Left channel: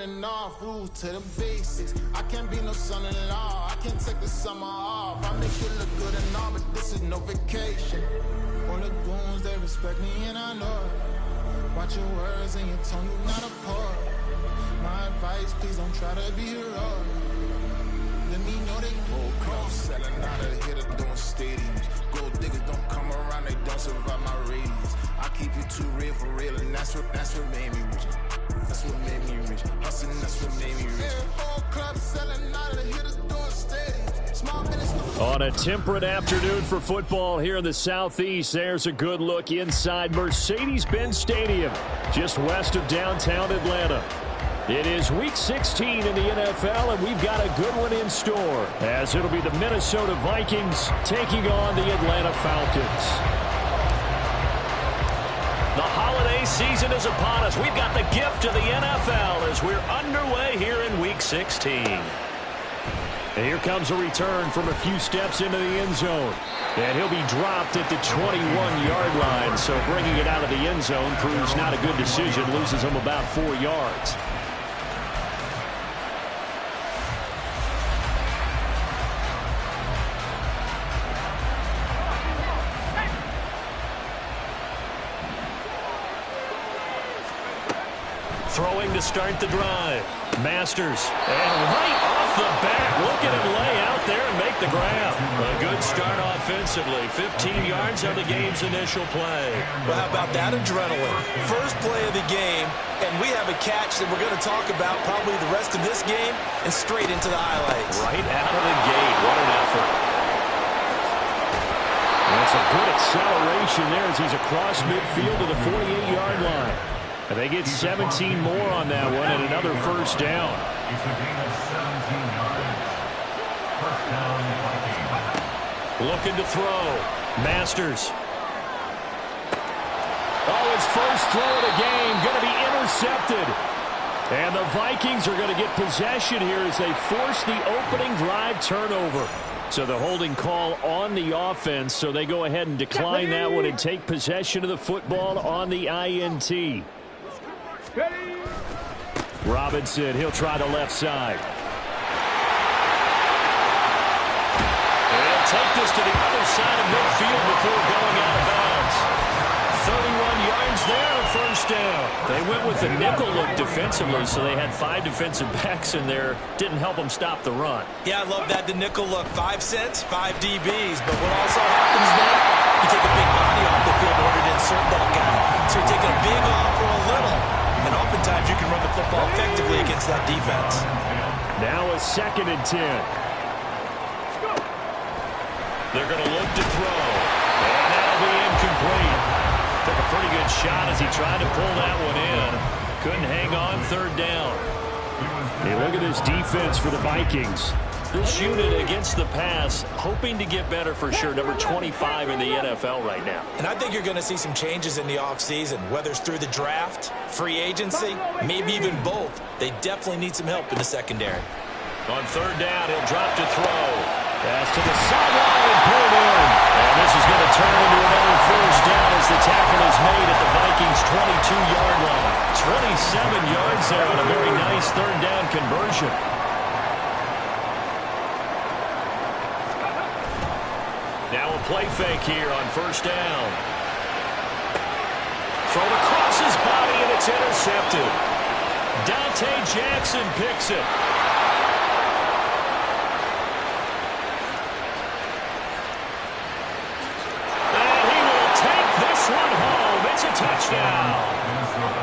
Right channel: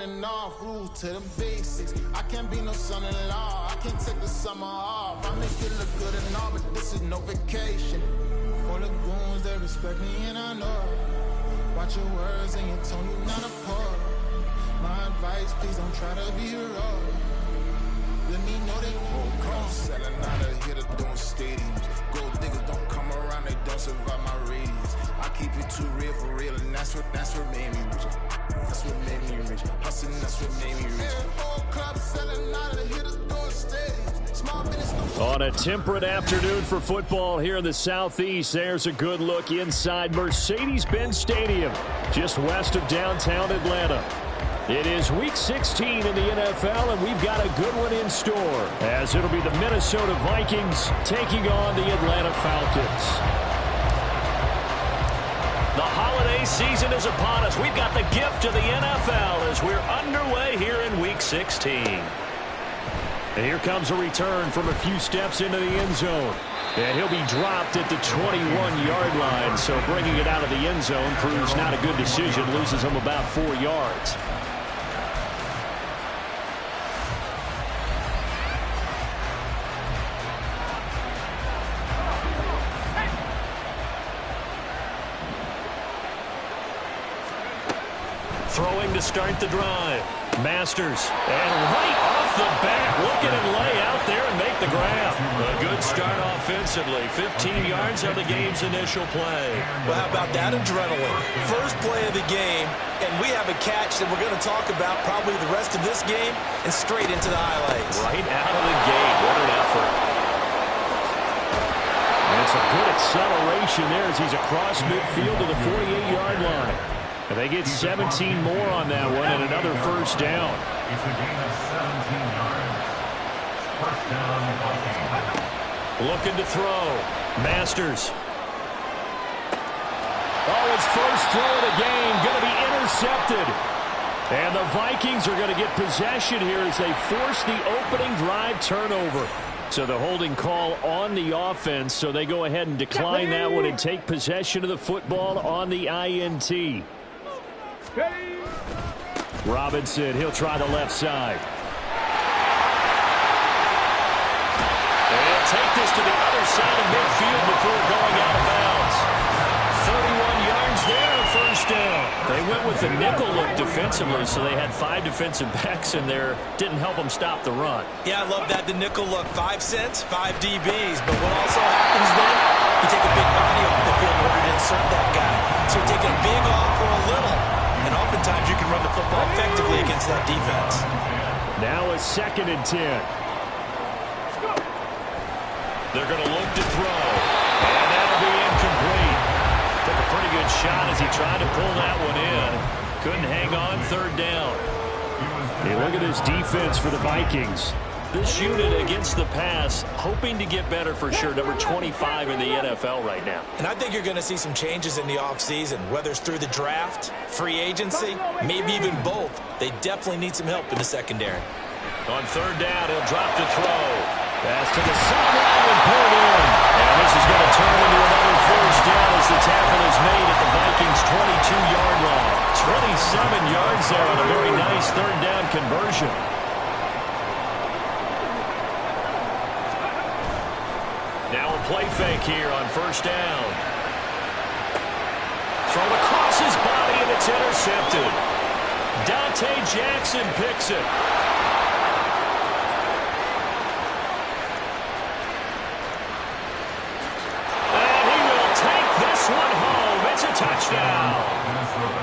running off, rules to the basics. I can't be no son-in-law, I can't take the summer off. I make it look good and all, but this is no vacation. All the goons, they respect me and I know it. Watch your words and your tone, you not a poet. My advice, please don't try to be heroic. Let me know they whole club selling out of here to doing stadiums. Gold diggers don't come around, they don't survive my radius. I keep it too real for real, and that's what made me rich. That's what made me rich. Hustling, that's what made me rich. Whole club selling out of here to doing stadiums. Small business. On a temperate afternoon for football here in the Southeast, there's a good look inside Mercedes-Benz Stadium, just west of downtown Atlanta. It is Week 16 in the NFL, and we've got a good one in store, as it'll be the Minnesota Vikings taking on the Atlanta Falcons. The holiday season is upon us. We've got the gift of the NFL as we're underway here in Week 16. And here comes a return from a few steps into the end zone. And he'll be dropped at the 21-yard line, so bringing it out of the end zone proves not a good decision, loses him about 4 yards. Throwing to start the drive. Masters. And right off the bat, look at him lay out there and make the grab. A good start offensively. 15 yards on the game's initial play. Well, how about that adrenaline? First play of the game, and we have a catch that we're going to talk about probably the rest of this game and straight into the highlights. Right out of the gate. What an effort. And some good acceleration there as he's across midfield to the 48-yard line. And they get 17 more on that one and another first down. It's a gain of 17 yards. First down, Vikings. Looking to throw. Masters. Oh, his first throw of the game going to be intercepted. And the Vikings are going to get possession here as they force the opening drive turnover. So the holding call on the offense, so they go ahead and decline that one and take possession of the football on the INT. Robinson, he'll try the left side. And he'll take this to the other side of midfield before going out of bounds. 31 yards there, a first down. They went with the nickel look defensively, so they had 5 defensive backs in there. Didn't help them stop the run. Yeah, I love that, the nickel look. 5 cents, 5 DBs. But what also happens then, you take a big body off the field in order to insert that guy. So you're taking a big off for a little. And oftentimes you can run the football effectively against that defense. Now a 2nd and 10. They're going to look to throw. And that'll be incomplete. Took a pretty good shot as he tried to pull that one in. Couldn't hang on, 3rd down. Hey, look at this defense for the Vikings. This unit against the pass, hoping to get better for sure. Number 25 in the NFL right now. And I think you're going to see some changes in the offseason, whether it's through the draft, free agency, maybe even both. They definitely need some help in the secondary. On 3rd down, he'll drop to throw. Pass to the sideline and pulled in. And this is going to turn into another first down as the tackle is made at the Vikings' 22-yard line. 27 yards there on a very nice 3rd down conversion. Now a play fake here on 1st down. Thrown across his body, and it's intercepted. Dante Jackson picks it. And he will take this one home. It's a touchdown.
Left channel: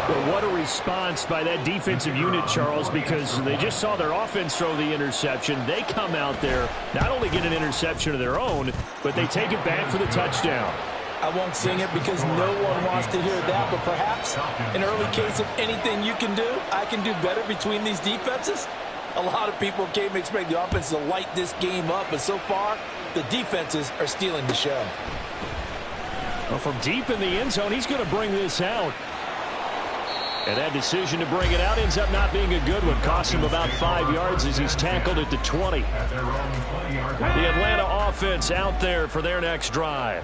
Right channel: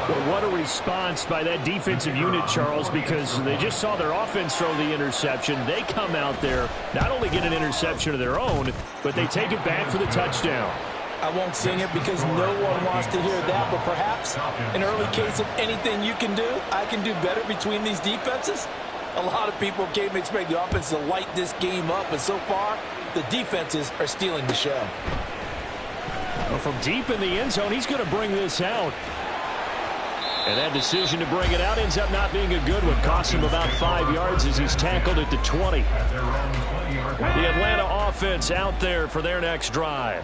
Well, what a response by that defensive unit, Charles, because they just saw their offense throw the interception. They come out there, not only get an interception of their own, but they take it back for the touchdown. I won't sing it because no one wants to hear that, but perhaps an early case of anything you can do, I can do better between these defenses. A lot of people came to expect the offense to light this game up, but so far, the defenses are stealing the show. Well, from deep in the end zone, he's going to bring this out. And that decision to bring it out ends up not being a good one. Costs him about 5 yards as he's tackled at the 20. The Atlanta offense out there for their next drive.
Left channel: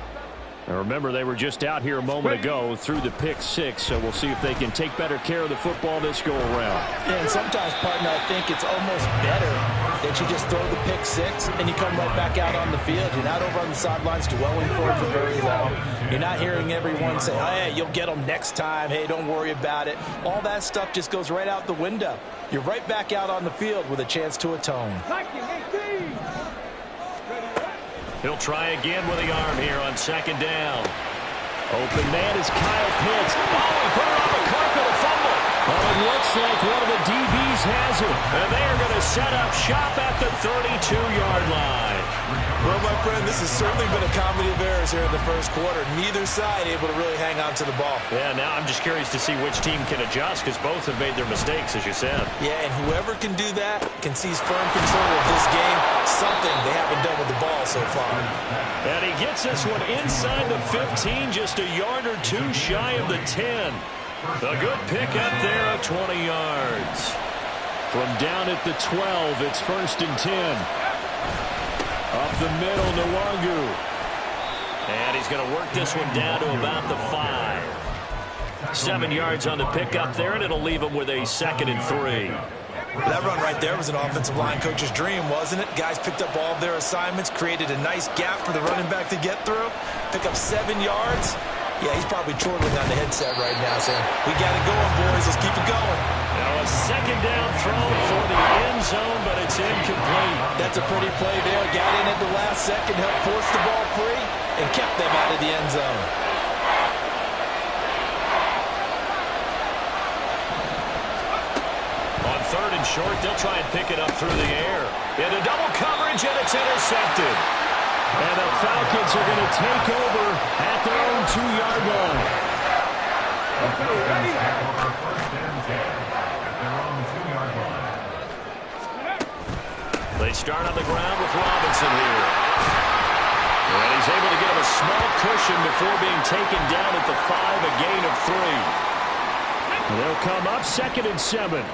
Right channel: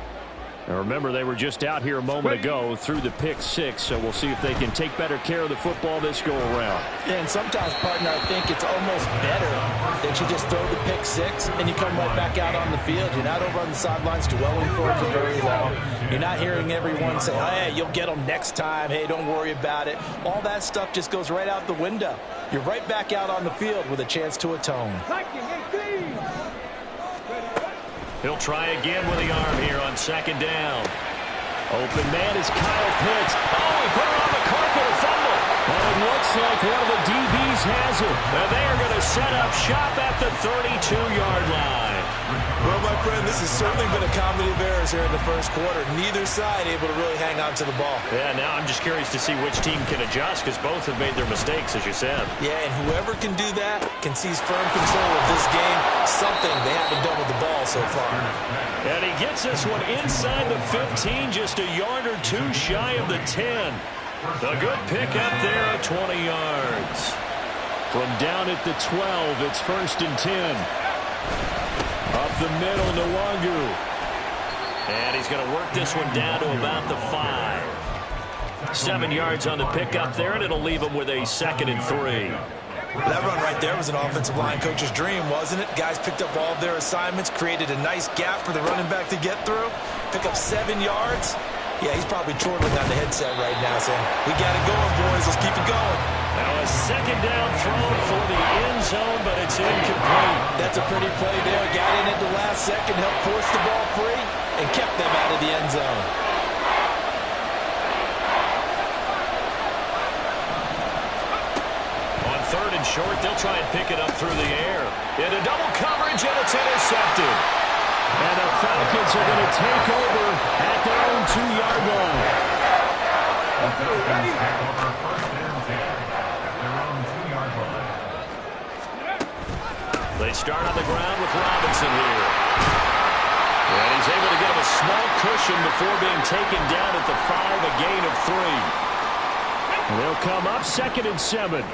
And remember, they were just out here a moment ago through the pick six, so we'll see if they can take better care of the football this go-around. Yeah, and sometimes, partner, I think it's almost better that you just throw the pick six and you come right back out on the field. You're not over on the sidelines dwelling for it for very long. You're not hearing everyone say, hey, you'll get them next time. Hey, don't worry about it. All that stuff just goes right out the window. You're right back out on the field with a chance to atone. He'll try again with the arm here on second down. Open man is Kyle Pitts. Oh, he put it on the carpet, a fumble. But it looks like one of the DBs has it. And they are going to set up shop at the 32-yard line. Well, my friend, this has certainly been a comedy of errors here in the first quarter. Neither side able to really hang on to the ball. Yeah, now I'm just curious to see which team can adjust because both have made their mistakes, as you said. Yeah, and whoever can do that can seize firm control of this game, something they haven't done with the ball so far. And he gets this one inside the 15, just a yard or two shy of the 10. A good pick up there of 20 yards. From down at the 12, it's 1st and 10. Up the middle, Nwangu. And he's going to work this one down to about the 5. 7 yards on the pickup there, and it'll leave him with a 2nd and 3. That run right there was an offensive line coach's dream, wasn't it? Guys picked up all of their assignments, created a nice gap for the running back to get through. Pick up 7 yards. Yeah, he's probably chortling on the headset right now saying, we got it going, boys. Let's keep it going. Now a second down throw for the end zone, but it's incomplete. That's a pretty play there. Got in at the last second, helped force the ball free, and kept them out of the end zone. On 3rd and short, they'll try and pick it up through the air. Into double coverage, and it's intercepted. And the Falcons are going to take over at their own 2-yard line. They start on the ground with Robinson here. And he's able to get him a small cushion before being taken down at the 5, a gain of 3. And they'll come up 2nd and 7.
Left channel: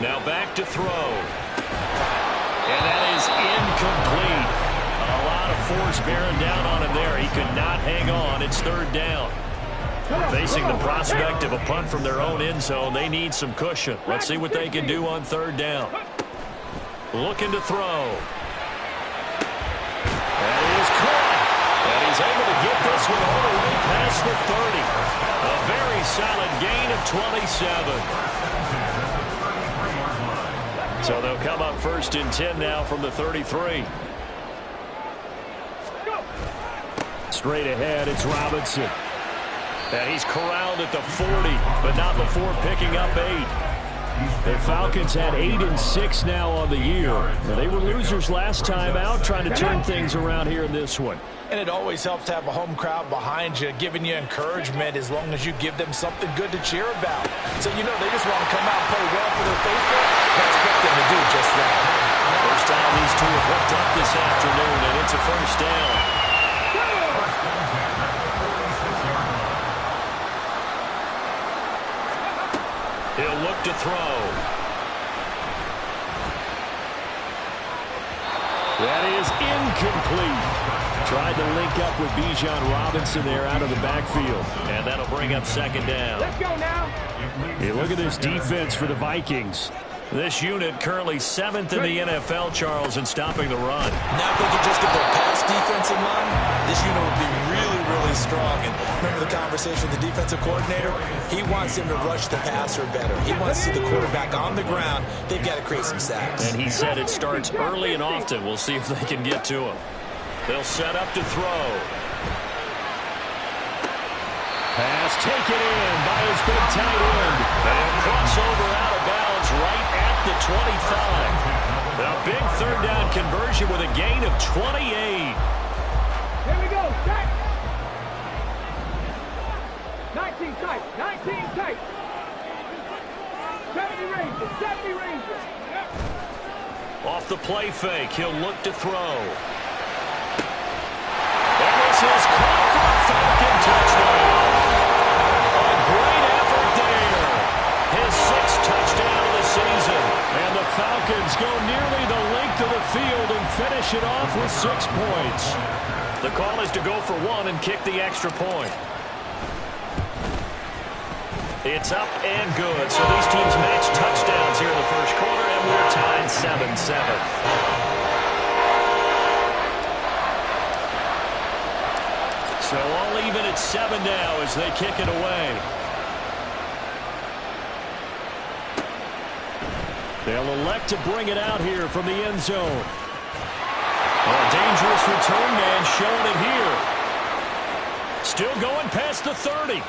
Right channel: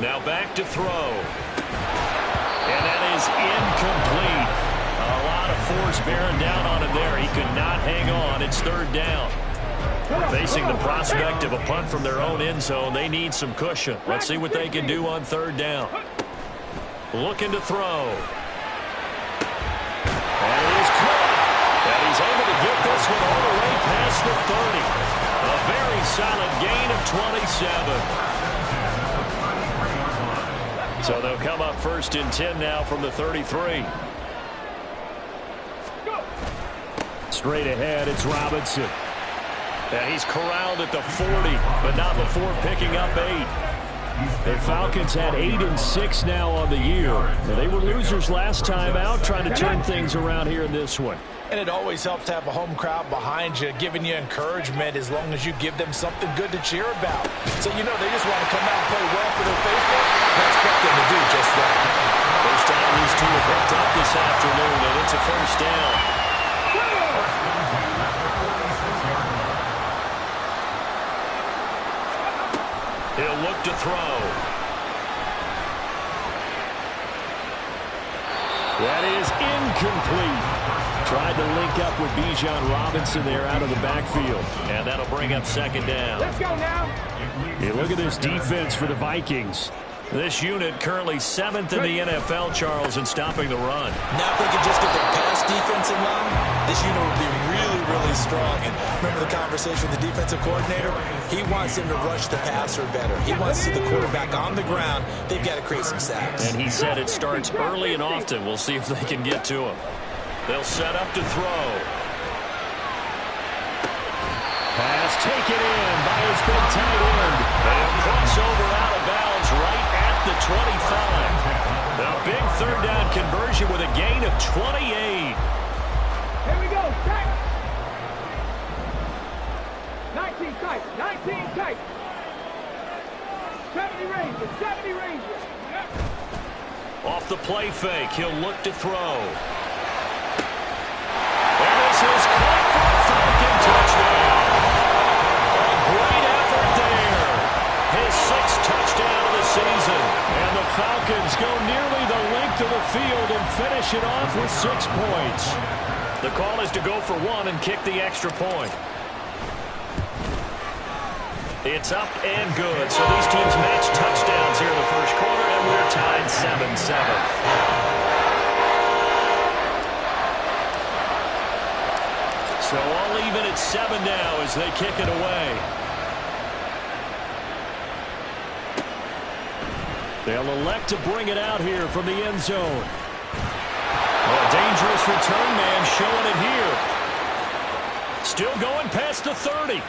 Now back to throw. And that is incomplete. A lot of force bearing down on him there. He could not hang on. It's 3rd down. Facing the prospect of a punt from their own end zone, they need some cushion. Let's see what they can do on 3rd down. Looking to throw. And he is caught. And he's able to get this one all the way past the 30. A very solid gain of 27. So they'll come up 1st and 10 now from the 33. Straight ahead, it's Robinson. And he's corralled at the 40, but not before picking up 8. The Falcons had 8 and 6 now on the year. They were losers last time out, trying to turn things around here in this one. And it always helps to have a home crowd behind you, giving you encouragement as long as you give them something good to cheer about. So, you know, they just want to come out and play well for their faithful. I expect them to do just that. First time these two have hooked up this afternoon, and it's a 1st down. He'll look to throw. That is incomplete. Tried to link up with Bijan Robinson there out of the backfield. And that'll bring up 2nd down. Let's go now. Hey, look at this defense for the Vikings. This unit currently 7th in the NFL, Charles, in stopping the run. Now if they could just get their pass defense in line, this unit would be really, really strong. And remember the conversation with the defensive coordinator? He wants them to rush the passer better. He wants to see the quarterback on the ground. They've got to create some sacks. And he said it starts early and often. We'll see if they can get to him. They'll set up to throw. Pass taken in by his big tight end. They'll cross over out of bounds right at the 25. A big 3rd down conversion with a gain of 28. Here we go. Tight. 19 tight. 19 tight. 70 Rangers. 70 Rangers. Off the play fake, he'll look to throw. And this is caught for a Falcon touchdown. A great effort there. His 6th touchdown of the season. And the Falcons go nearly the length of the field and finish it off with 6 points. The call is to go for one and kick the extra point. It's up and good. So these teams match touchdowns here in the first quarter, and we're tied 7-7. So all even at 7 now as they kick it away. They'll elect to bring it out here from the end zone. Oh, a dangerous return man showing it here. Still going past the 30.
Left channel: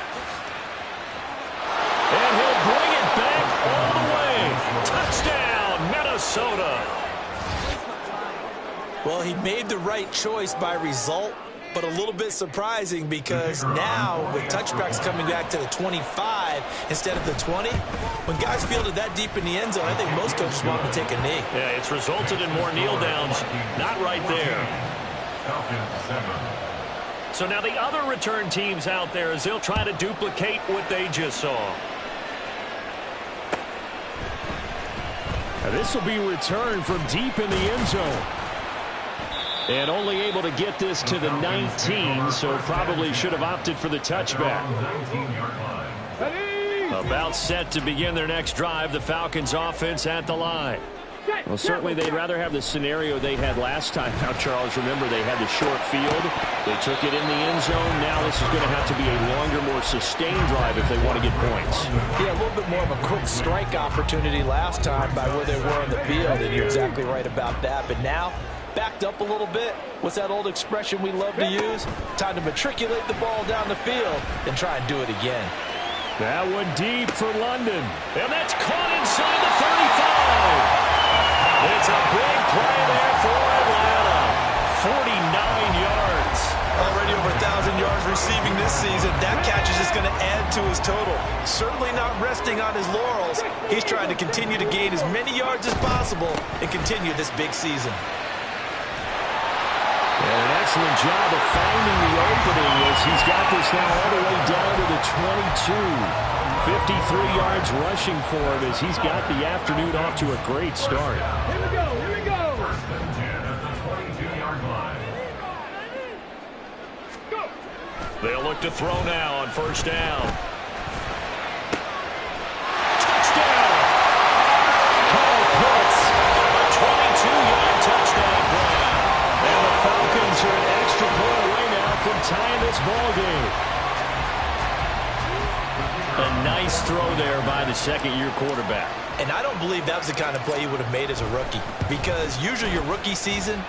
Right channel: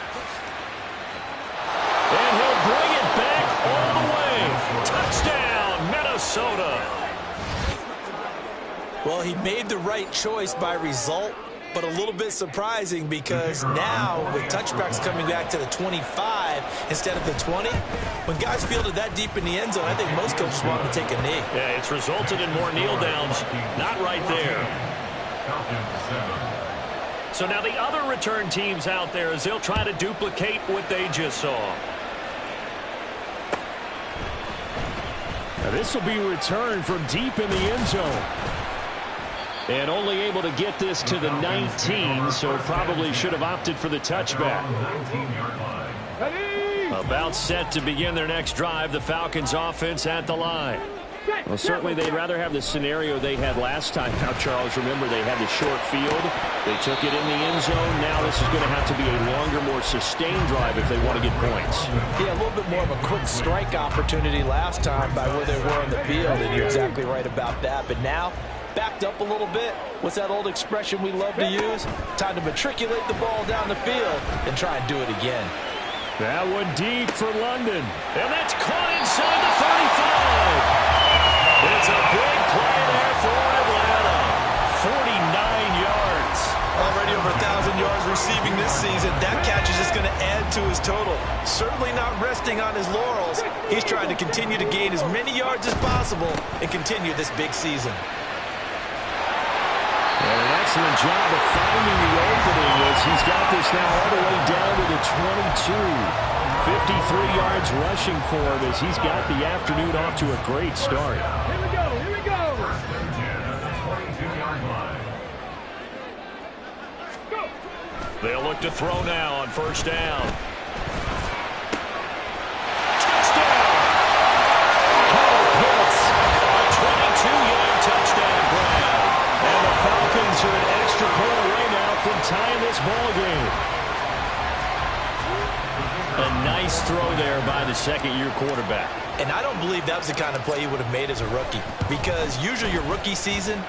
And he'll bring it back all the way. Touchdown, Minnesota. Well, he made the right choice by result, but a little bit surprising because now with touchbacks coming back to the 25 instead of the 20, when guys fielded that deep in the end zone, I think most coaches want them to take a knee. Yeah, it's resulted in more kneel downs. Not right there. So now the other return teams out there as they'll try to duplicate what they just saw. Now this will be returned from deep in the end zone. And only able to get this to the 19, so probably should have opted for the touchback. About set to begin their next drive, the Falcons offense at the line. Well, certainly they'd rather have the scenario they had last time. Now, Charles, remember they had the short field. They took it in the end zone. Now this is going to have to be a longer, more sustained drive if they want to get points. Yeah, a little bit more of a quick strike opportunity last time by where they were on the field, and you're exactly right about that. But now, backed up a little bit. What's that old expression we love to use? Time to matriculate the ball down the field and try and do it again. That one deep for London. And that's caught inside the 35. It's a big play there for Atlanta. 49 yards. Already over 1,000 yards receiving this season. That catch is just going to add to his total. Certainly not resting on his laurels. He's trying to continue to gain as many yards as possible and continue this big season. And an excellent job of finding the opening as he's got this now all the way down to the 22. 53 yards rushing for him as he's got the afternoon off to a great start. Here we go, here we go. First and 10 at the 22-yard line. Go. They'll look to throw now on first down. Touchdown! Kyle Pitts, a 22-yard touchdown grab. And the Falcons are an extra point away now from tying this ball game. A nice throw there by the second-year quarterback. And I don't believe that was the kind of play he would have made as a rookie, because usually your rookie season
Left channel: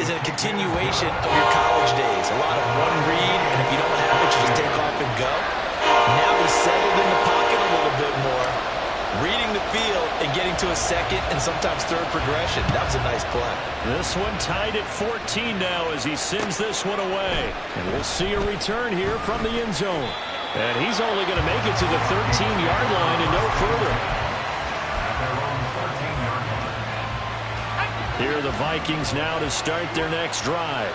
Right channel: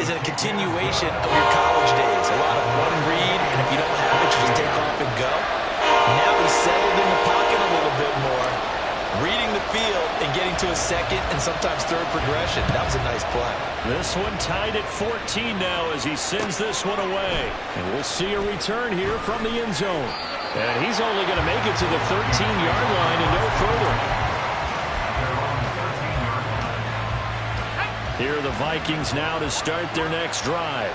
is a continuation of your college days. A lot of one read, and if you don't have it, you just take off and go. Now he's settled in the pocket a little bit more, reading the field and getting to a second and sometimes third progression. That was a nice play. This one tied at 14 now as he sends this one away. And we'll see a return here from the end zone. And he's only going to make it to the 13-yard line and no further. Here are the Vikings now to start their next drive.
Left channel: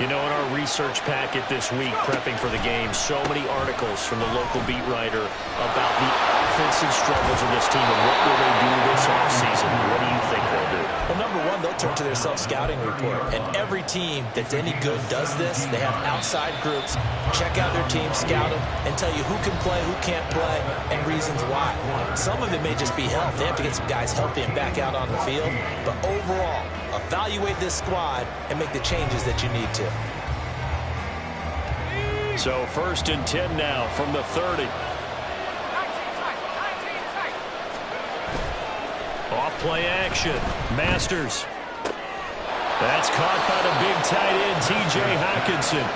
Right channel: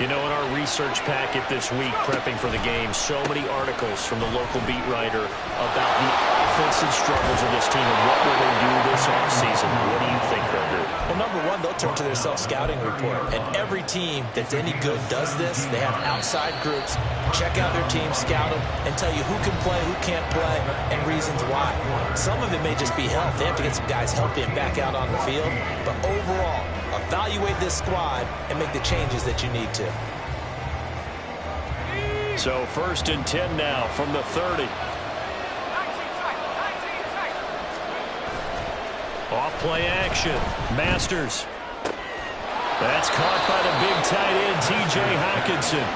You know, in our research packet this week, prepping for the game, so many articles from the local beat writer about the offensive struggles of this team and what will they do this offseason. What do you think they'll do? Well, number one, they'll turn to their self-scouting report. And every team that's any good does this. They have outside groups, check out their team, scout them, and tell you who can play, who can't play, and reasons why. Some of it may just be health. They have to get some guys healthy and back out on the field. But overall, evaluate this squad and make the changes that you need to. So first and 10 now from the 30. 19 tight, 19 tight. Off play action. Masters. That's caught by the big tight end, T.J. Hockenson.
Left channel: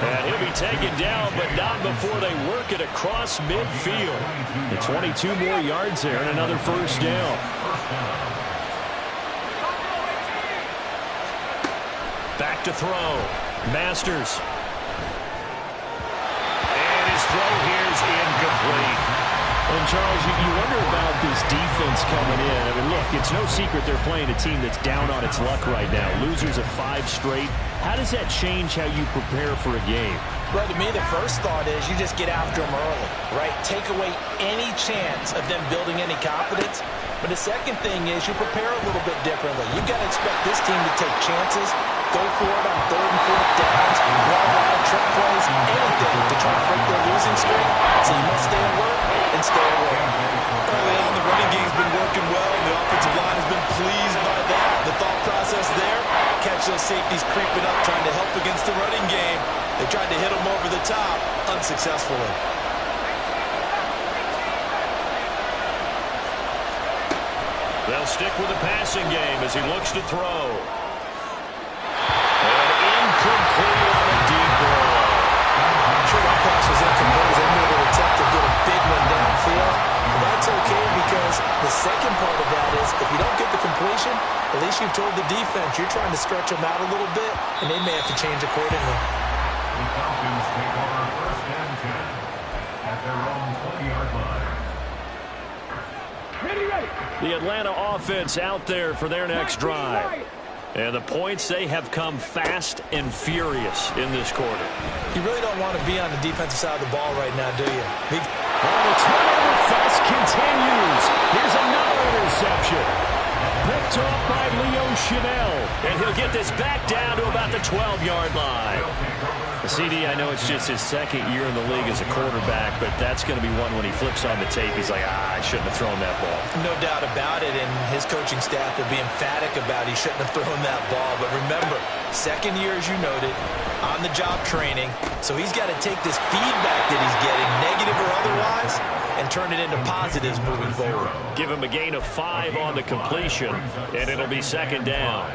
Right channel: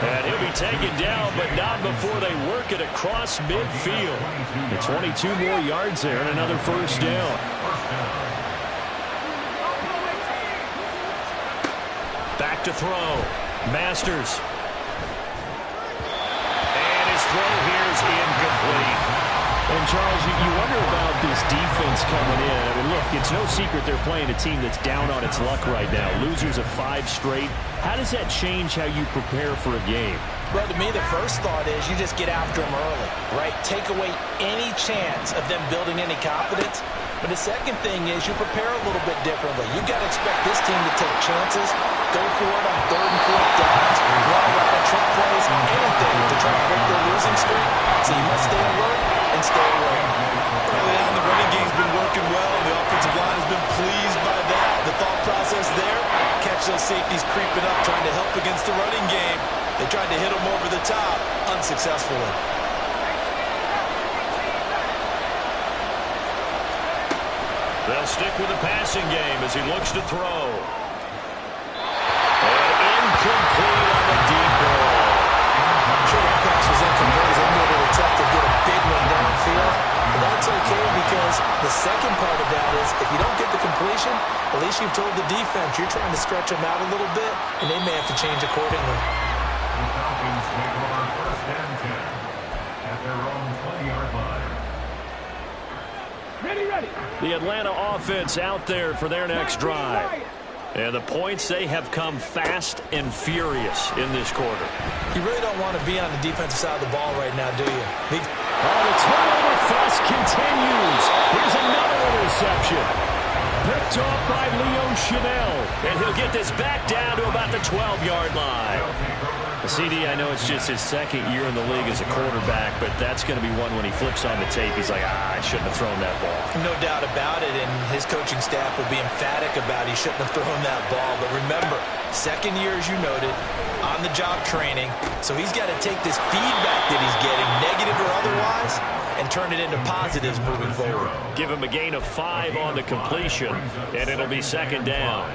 And he'll be taken down, but not before they work it across midfield. And 22 more yards there and another first down. Back to throw. Masters. And his throw here's incomplete. And, Charles, you wonder about this defense coming in. I mean, look, it's no secret they're playing a team that's down on its luck right now. Losers of 5 straight. How does that change how you prepare for a game? Well, to me, the first thought is you just get after them early, right? Take away any chance of them building any confidence But the second thing is you prepare a little bit differently. You got to expect this team to take chances, go for it on 3rd and 4th downs, run a lot of trick plays, anything to try to break their losing streak. So you must stay alert and stay aware. Early on, the running game's been working well. The offensive line has been pleased by that. The thought process there, catch those safeties creeping up, trying to help against the running game. They tried to hit them over the top, unsuccessfully. They'll stick with the passing game as he looks to throw. And incomplete on the deep ball. I'm sure that pass was incomplete. They made an attempt to get a big one downfield. But that's okay because the second part of that is if you don't get the completion, at least you've told the defense you're trying to stretch them out a little bit, and they may have to change accordingly. The Falcons take over 1st and 10 at their own 20-yard line. Ready. The Atlanta offense out there for their next drive. And the points, they have come fast and furious in this quarter. You really don't want to be on the defensive side of the ball right now, do you? The turnover fest continues. Here's another interception. Picked off by Leo Chanel. And he'll get this back down to about the 12-yard line. CD, I know it's just his second year in the league as a quarterback, but that's going to be one when he flips on the tape. He's like, I shouldn't have thrown that ball. No doubt about it, and his coaching staff will be emphatic about he shouldn't have thrown that ball. But remember, second year, as you noted, on-the-job training, so he's got to take this feedback that he's getting, negative or otherwise, and turn it into positives moving forward. Give him a gain of 5 on the completion, and it'll be second down.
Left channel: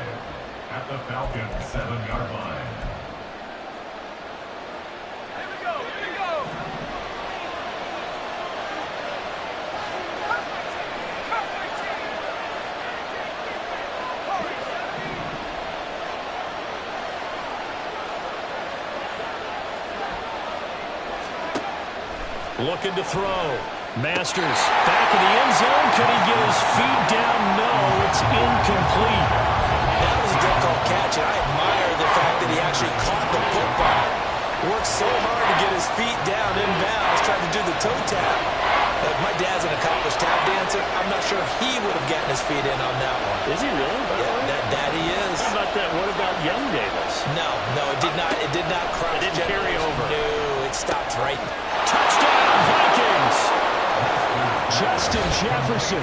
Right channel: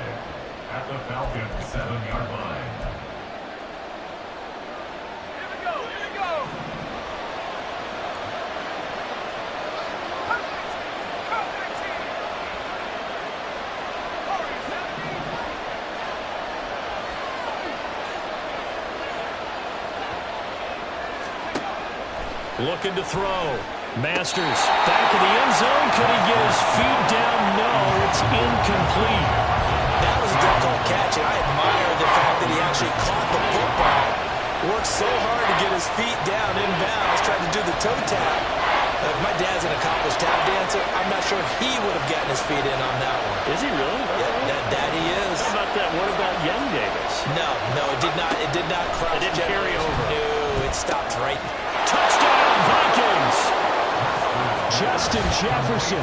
At the Falcons 7-yard line. Here we go. Cut 19. Hurry, 70. Looking to throw. Masters back in the end zone. Could he get his feet down? No, it's incomplete. That was a difficult catch, and I admire the fact that he actually caught the football. Worked so hard to get his feet down inbounds, tried to do the toe tap. My dad's an accomplished tap dancer. I'm not sure he would have gotten his feet in on that one. Is he really? Yeah, that he is. How about that? What about Young Davis? No, it did not. It did not cross. It didn't carry over. No, it stopped right. Touchdown, Vikings! Justin Jefferson,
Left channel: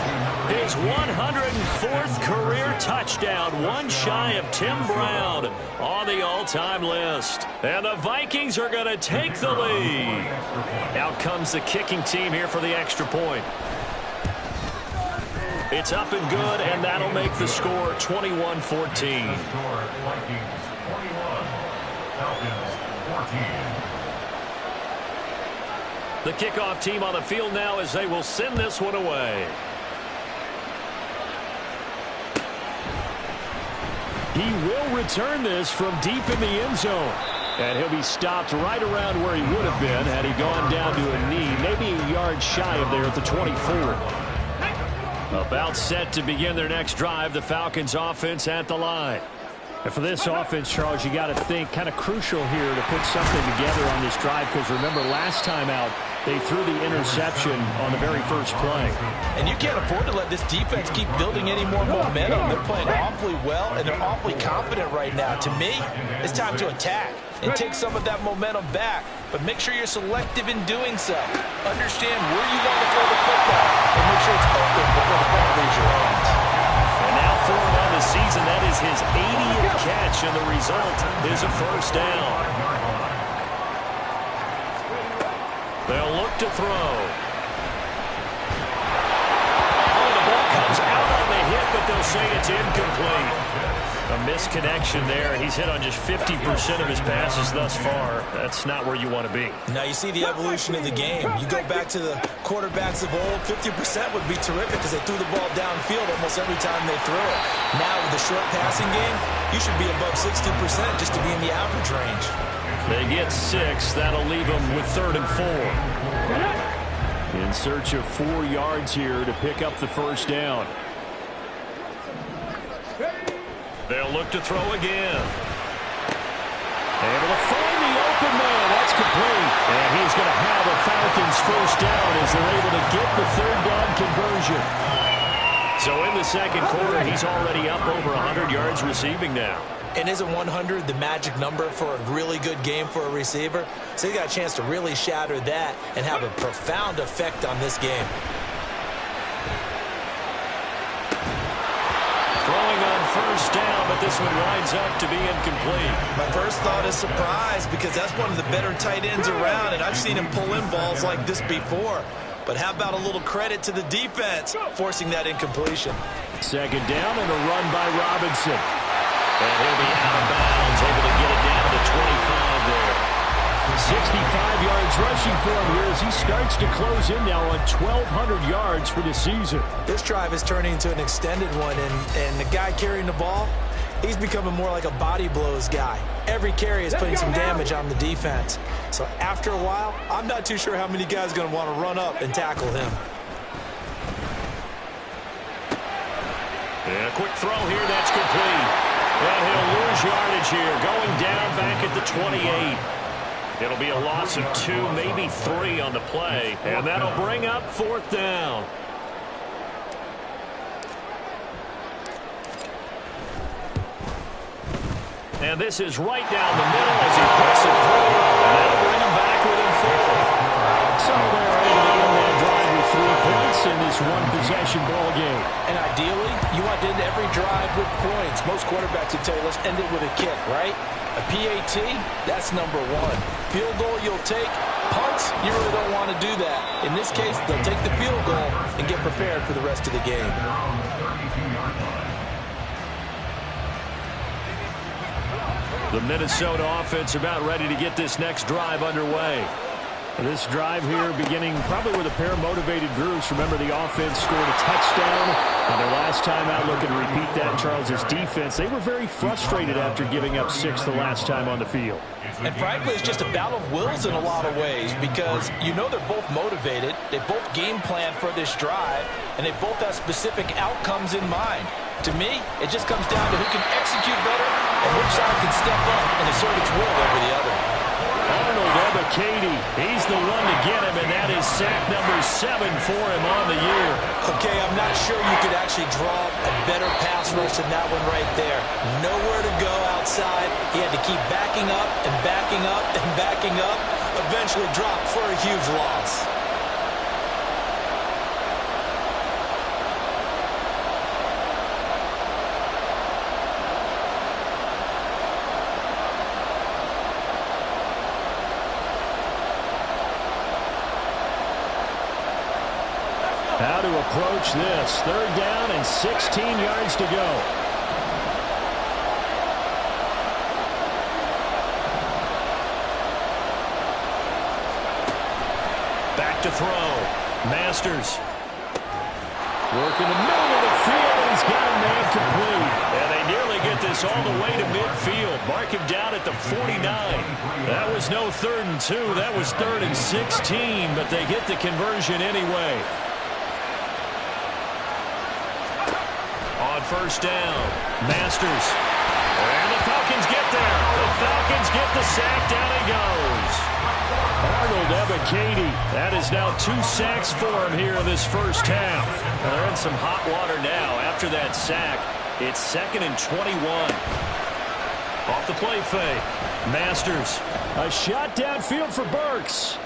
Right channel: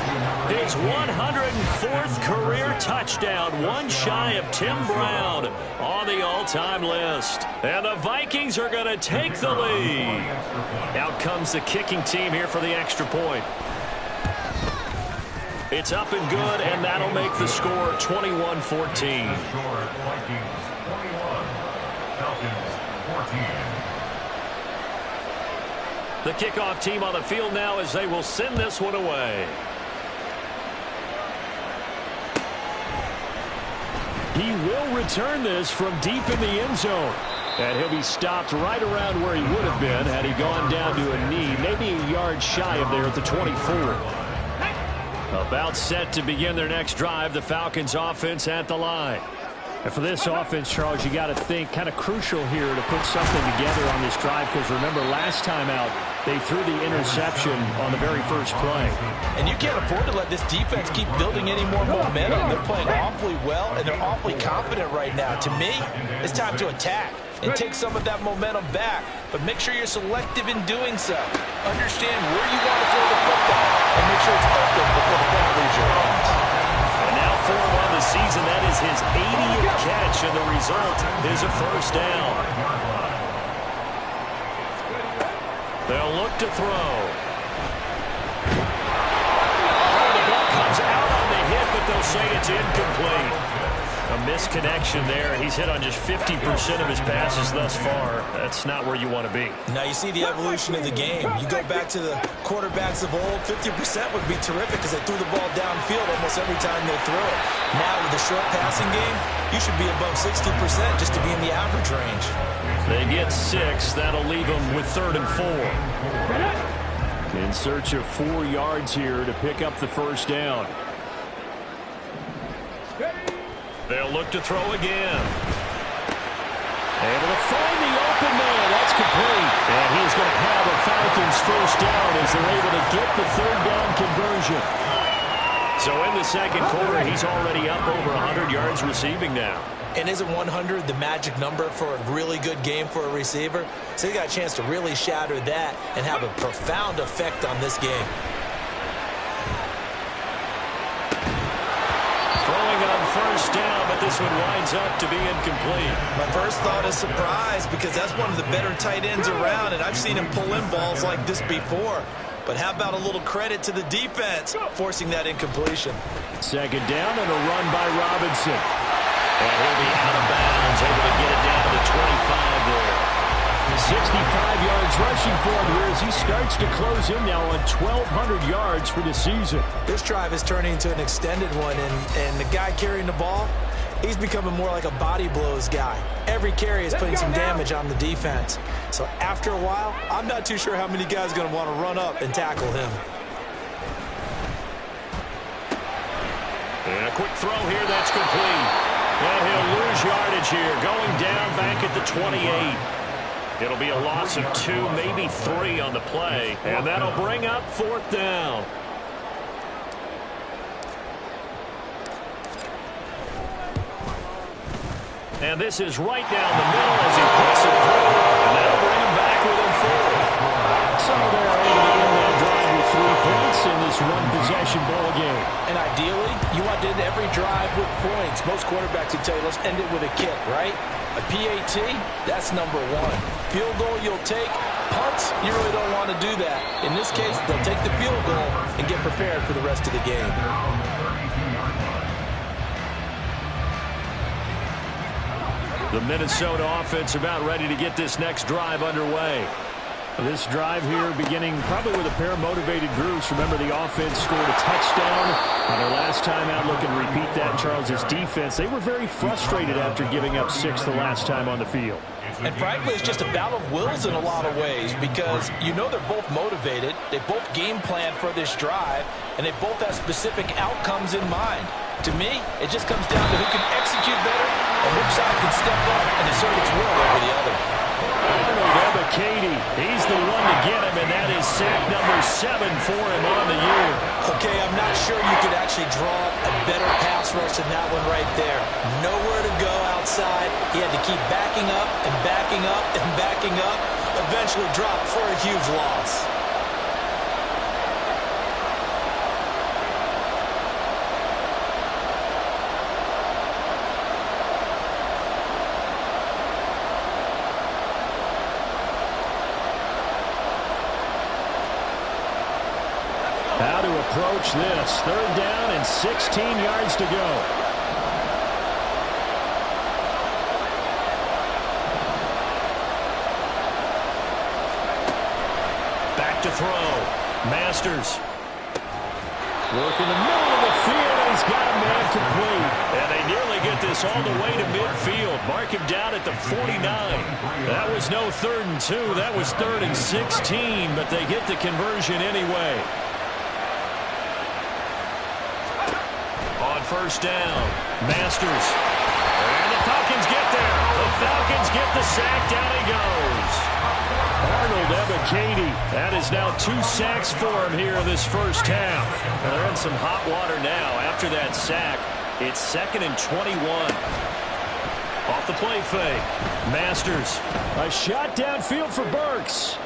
his 104th career touchdown, one shy of Tim Brown on the all-time list. And the Vikings are going to take the lead. Out comes the kicking team here for the extra point. It's up and good, and that'll make the score 21-14. Vikings 21, Falcons 14. The kickoff team on the field now as they will send this one away. He will return this from deep in the end zone. And he'll be stopped right around where he would have been had he gone down to a knee, maybe a yard shy of there at the 24. About set to begin their next drive, the Falcons offense at the line. And for this offense, Charles, you got to think kind of crucial here to put something together on this drive because remember last time out they threw the interception on the very first play. And you can't afford to let this defense keep building any more momentum. They're playing awfully well and they're awfully confident right now. To me, it's time to attack and take some of that momentum back. But make sure you're selective in doing so. Understand where you want to throw the football and make sure it's open before the ball leaves your hands. And now for him on the season, that is his 80th catch, and the result is a first down. They'll look to throw. Oh, the ball comes out on the hit, but they'll say it's incomplete. A misconnection there. He's hit on just 50% of his passes thus far. That's not where you want to be. Now you see the evolution of the game. You go back to the quarterbacks of old, 50% would be terrific because they threw the ball downfield almost every time they threw it. Now with the short passing game, you should be above 60% just to be in the average range. They get 6. That'll leave them with 3rd and 4. In search of 4 yards here to pick up the first down. They'll look to throw again. Able to find the open man. That's complete. And he's going to have a Falcons first down as they're able to get the 3rd down conversion. So in the second quarter, he's already up over 100 yards receiving now. And isn't 100 the magic number for a really good game for a receiver? So he got a chance to really shatter that and have a profound effect on this game. Throwing on first down, but this one winds up to be incomplete. My first thought is surprise because that's one of the better tight ends around, and I've seen him pull in balls like this before. But how about a little credit to the defense forcing that incompletion? Second down and a run by Robinson. And he'll be out of bounds, able to get it down to the 25 there. 65 yards rushing for him here as he starts to close in now on 1,200 yards for the season. This drive is turning into an extended one, and the guy carrying the ball, he's becoming more like a body blows guy. Every carry is putting some damage on the defense. So after a while, I'm not too sure how many guys are going to want to run up and tackle him. And a quick throw here, that's complete. And he'll lose yardage here, going down back at the 28. It'll be a loss of 2, maybe 3 on the play, and that'll bring up fourth down. And this is right down the middle as he puts it through, and that'll bring him back within 4. So they're able to end that drive with 3 points in this one-possession ball game. And ideally, you want to end every drive with points. Most quarterbacks would tell you, let's end it with a kick, right? A PAT, that's number 1. Field goal you'll take. Punts, you really don't want to do that. In this case, they'll take the field goal and get prepared for the rest of the game. The Minnesota offense about ready to get this next drive underway. This drive here beginning probably with a pair of motivated groups. Remember, the offense scored a touchdown on their last time out. Looking to repeat that. Charles's defense, they were very frustrated after giving up 6 the last time on the field. And frankly, it's just a battle of wills in a lot of ways because you know they're both motivated. They both game plan for this drive, and they both have specific outcomes in mind. To me, it just comes down to who can execute better and which side can step up and assert its will over the other. Arnold Ebiketie, he's the one to get him, and that is sack number 7 for him on the year. Okay, I'm not sure you could actually draw a better pass rush than that one right there. Nowhere to go outside. He had to keep backing up and backing up and backing up. Eventually dropped for a huge loss. How to approach this. 3rd down and 16 yards to go. Back to throw. Masters. Work in the middle of the field, and he's got a man complete. And they nearly get this all the way to midfield. Mark him down at the 49. That was no 3rd and 2. That was 3rd and 16, but they get the conversion anyway. On first down, Masters. And the Falcons get there. The Falcons get the sack. Down he goes. Arnold Ebiketie. That is now 2 sacks for him here in this first half. And they're in some hot water now. After that sack, it's 2nd and 21. Off the play fake. Masters. A shot downfield for Burks.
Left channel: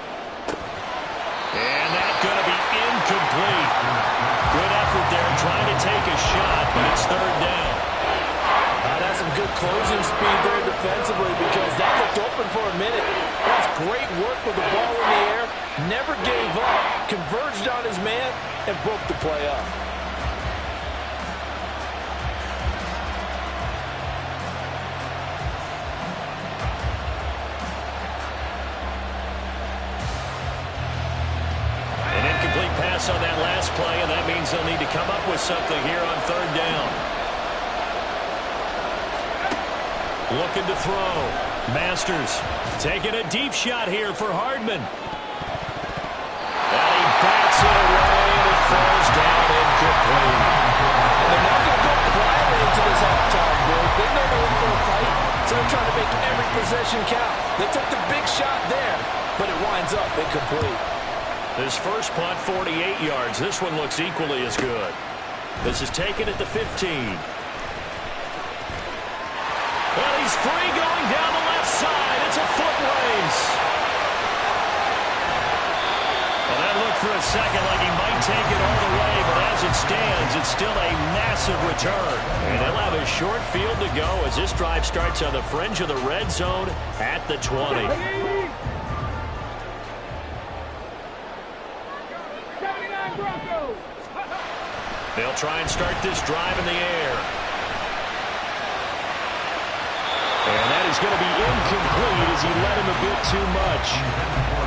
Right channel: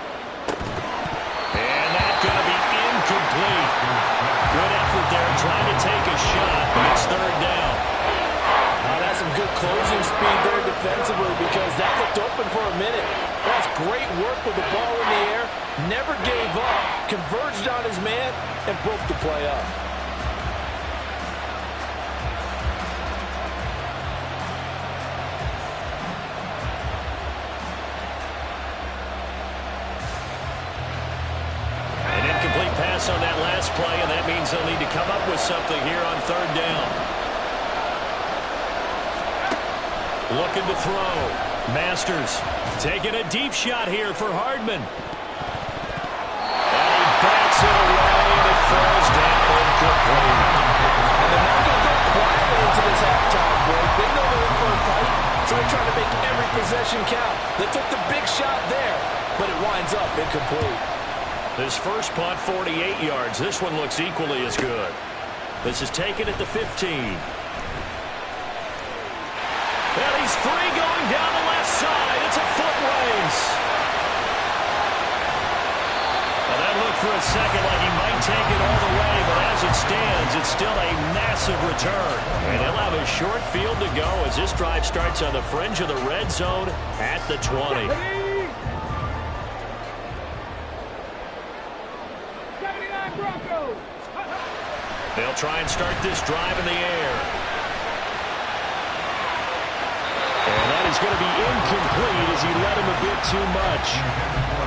And that's going to be incomplete. Good effort there trying to take a shot, but it's 3rd down. That's some good closing speed there defensively because that looked open for a minute. That's great work with the ball in the air. Never gave up. Converged on his man and broke the play up. Pass on that last play, and that means they'll need to come up with something here on 3rd down. Looking to throw. Masters taking a deep shot here for Hardman. And he bats it away, and it falls down incomplete. And they're not going to go quietly into this halftime break. They know they're in for a fight, so they're trying to make every possession count. They took the big shot there, but it winds up incomplete. This first punt, 48 yards. This one looks equally as good. This is taken at the 15. And he's free going down the left side. It's a foot race. Well, that looked for a second like he might take it all the way, but as it stands, it's still a massive return. And he'll have a short field to go as this drive starts on the fringe of the red zone at the 20. 79 Broncos. They'll try and start this drive in the air. And that is going to be incomplete as he led him a bit too much.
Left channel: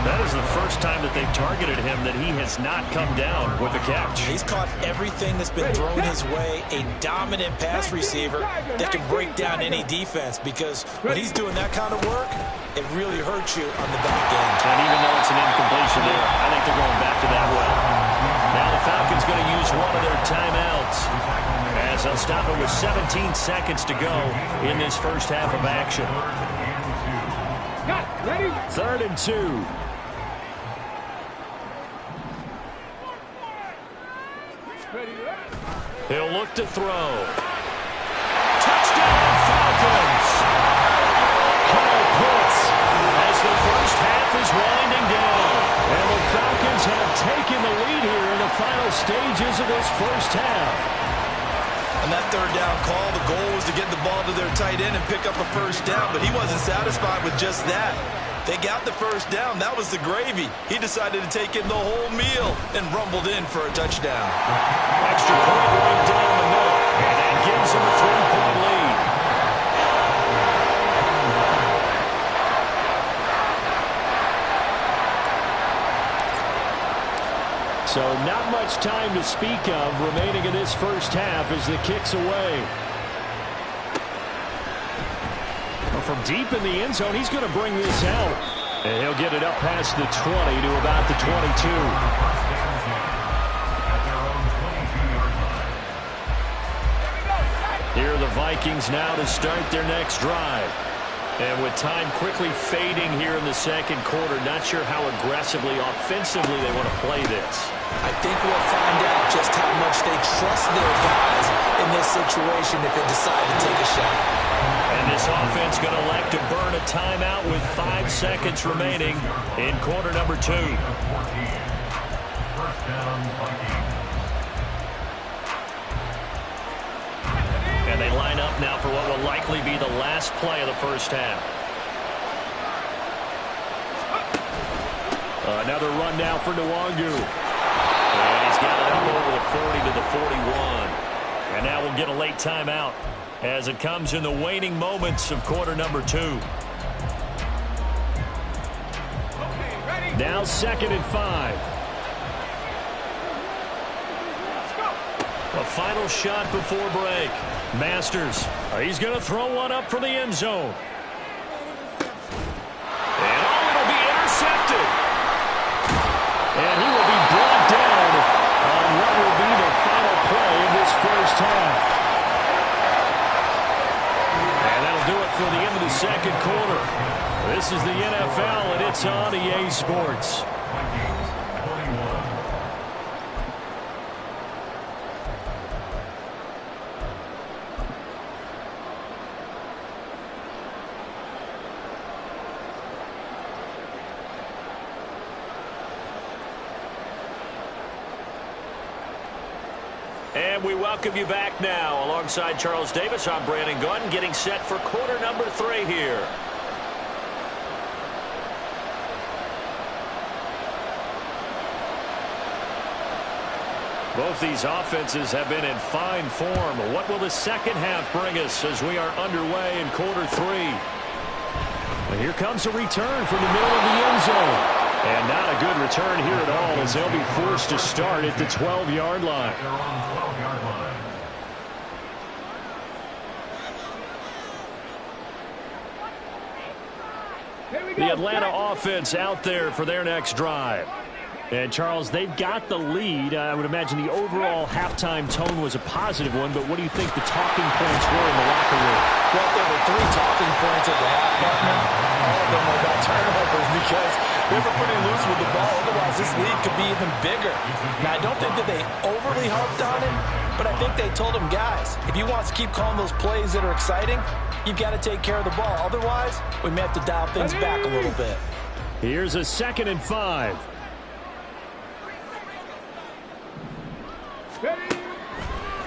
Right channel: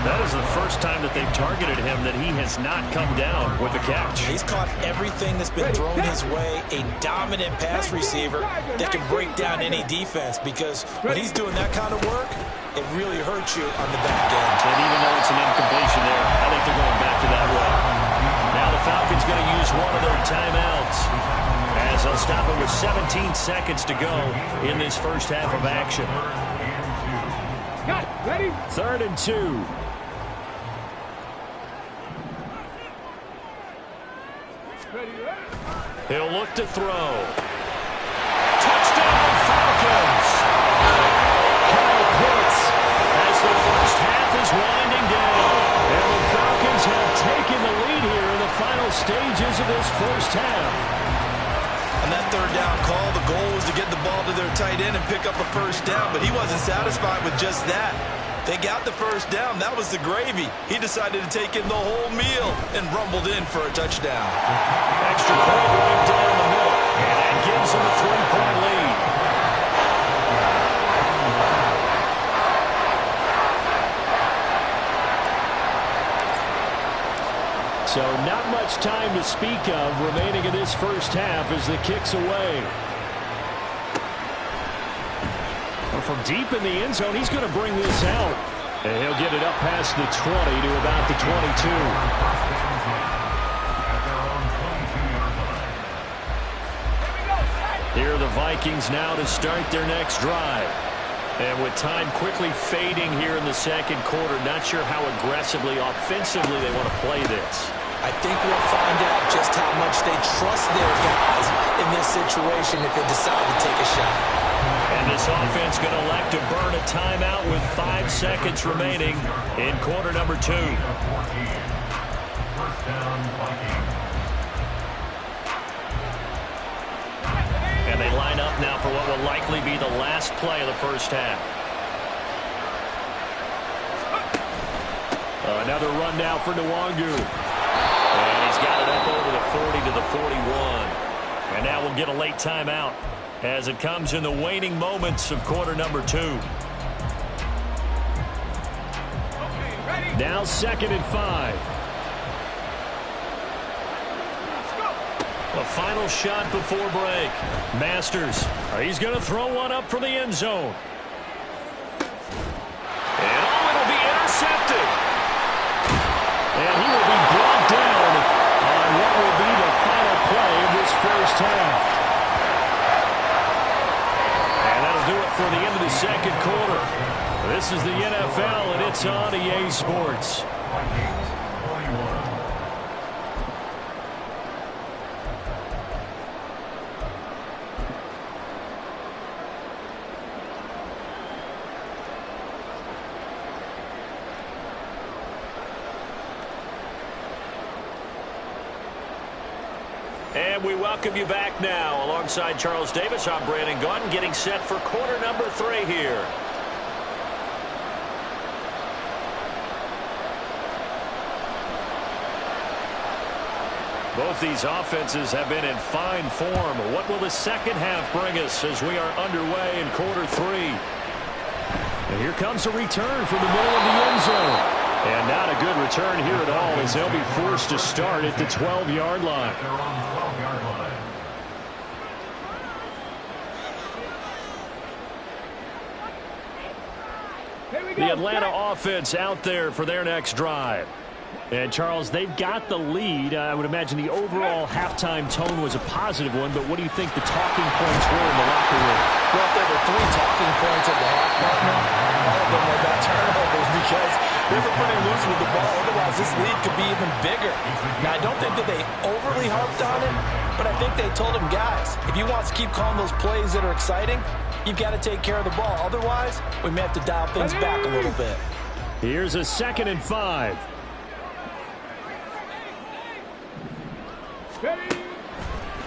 That is the first time that they've targeted him that he has not come down with a catch. He's caught everything that's been thrown his way. A dominant pass receiver that can break down any defense, because when he's doing that kind of work, it really hurts you on the back end. And even though it's an incompletion there, I think they're going back to that way. Now the Falcons going to use one of their timeouts as they'll stop it with 17 seconds to go in this first half of action. Ready? 3rd and 2. He'll look to throw. Touchdown, Falcons! Kyle Pitts as the first half is winding down. And the Falcons have taken the lead here in the final stages of this first half. On that third down call, the goal was to get the ball to their tight end and pick up a first down, but he wasn't satisfied with just that. They got the first down. That was the gravy. He decided to take in the whole meal and rumbled in for a touchdown. Extra point right down the middle, and that gives him a 3-point lead. So not much time to speak of remaining in this first half as the kick's away. Well, from deep in the end zone, he's going to bring this out. And he'll get it up past the 20 to about the 22. Here are the Vikings now to start their next drive. And with time quickly fading here in the second quarter, not sure how aggressively, offensively they want to play this. I think we'll find out just how much they trust their guys in this situation if they decide to take a shot. And this offense going to elect to burn a timeout with 5 seconds remaining in quarter number 2. First down, Vikings. And they line up now for what will likely be the last play of the first half. Another run now for Nwangu. And he's got it up over the 40 to the 41. And now we'll get a late timeout as it comes in the waning moments of quarter number 2. Okay, ready? Now 2nd and 5. Let's go. A final shot before break. Masters, he's going to throw one up for the end zone. And it'll be intercepted. And he will be brought down on what will be the final play of this first half. And that'll do it for the end of the second quarter. This is the NFL, and it's on EA Sports. Vikings 21. And we welcome you back now. Alongside Charles Davis, I'm Brandon Gaudin, getting set for quarter number 3 here. Both these offenses have been in fine form. What will the second half bring us as we are underway in quarter 3? And here comes a return from the middle of the end zone. And not a good return here at all as they'll be forced to start at the 12-yard line. They're on the 12-yard line. Here we go. The Atlanta offense out there for their next drive. And, Charles, they've got the lead. I would imagine the overall halftime tone was a positive one, but what do you think the talking points were in the locker room? Well, if there were 3 talking points at the half, partner, all of them were about turnovers because they were pretty loose with the ball. Otherwise, this lead could be even bigger. Now, I don't think that they overly harped on him, but I think they told him, guys, if you want to keep calling those plays that are exciting, you've got to take care of the ball. Otherwise, we may have to dial things back a little bit. Here's a 2nd and 5.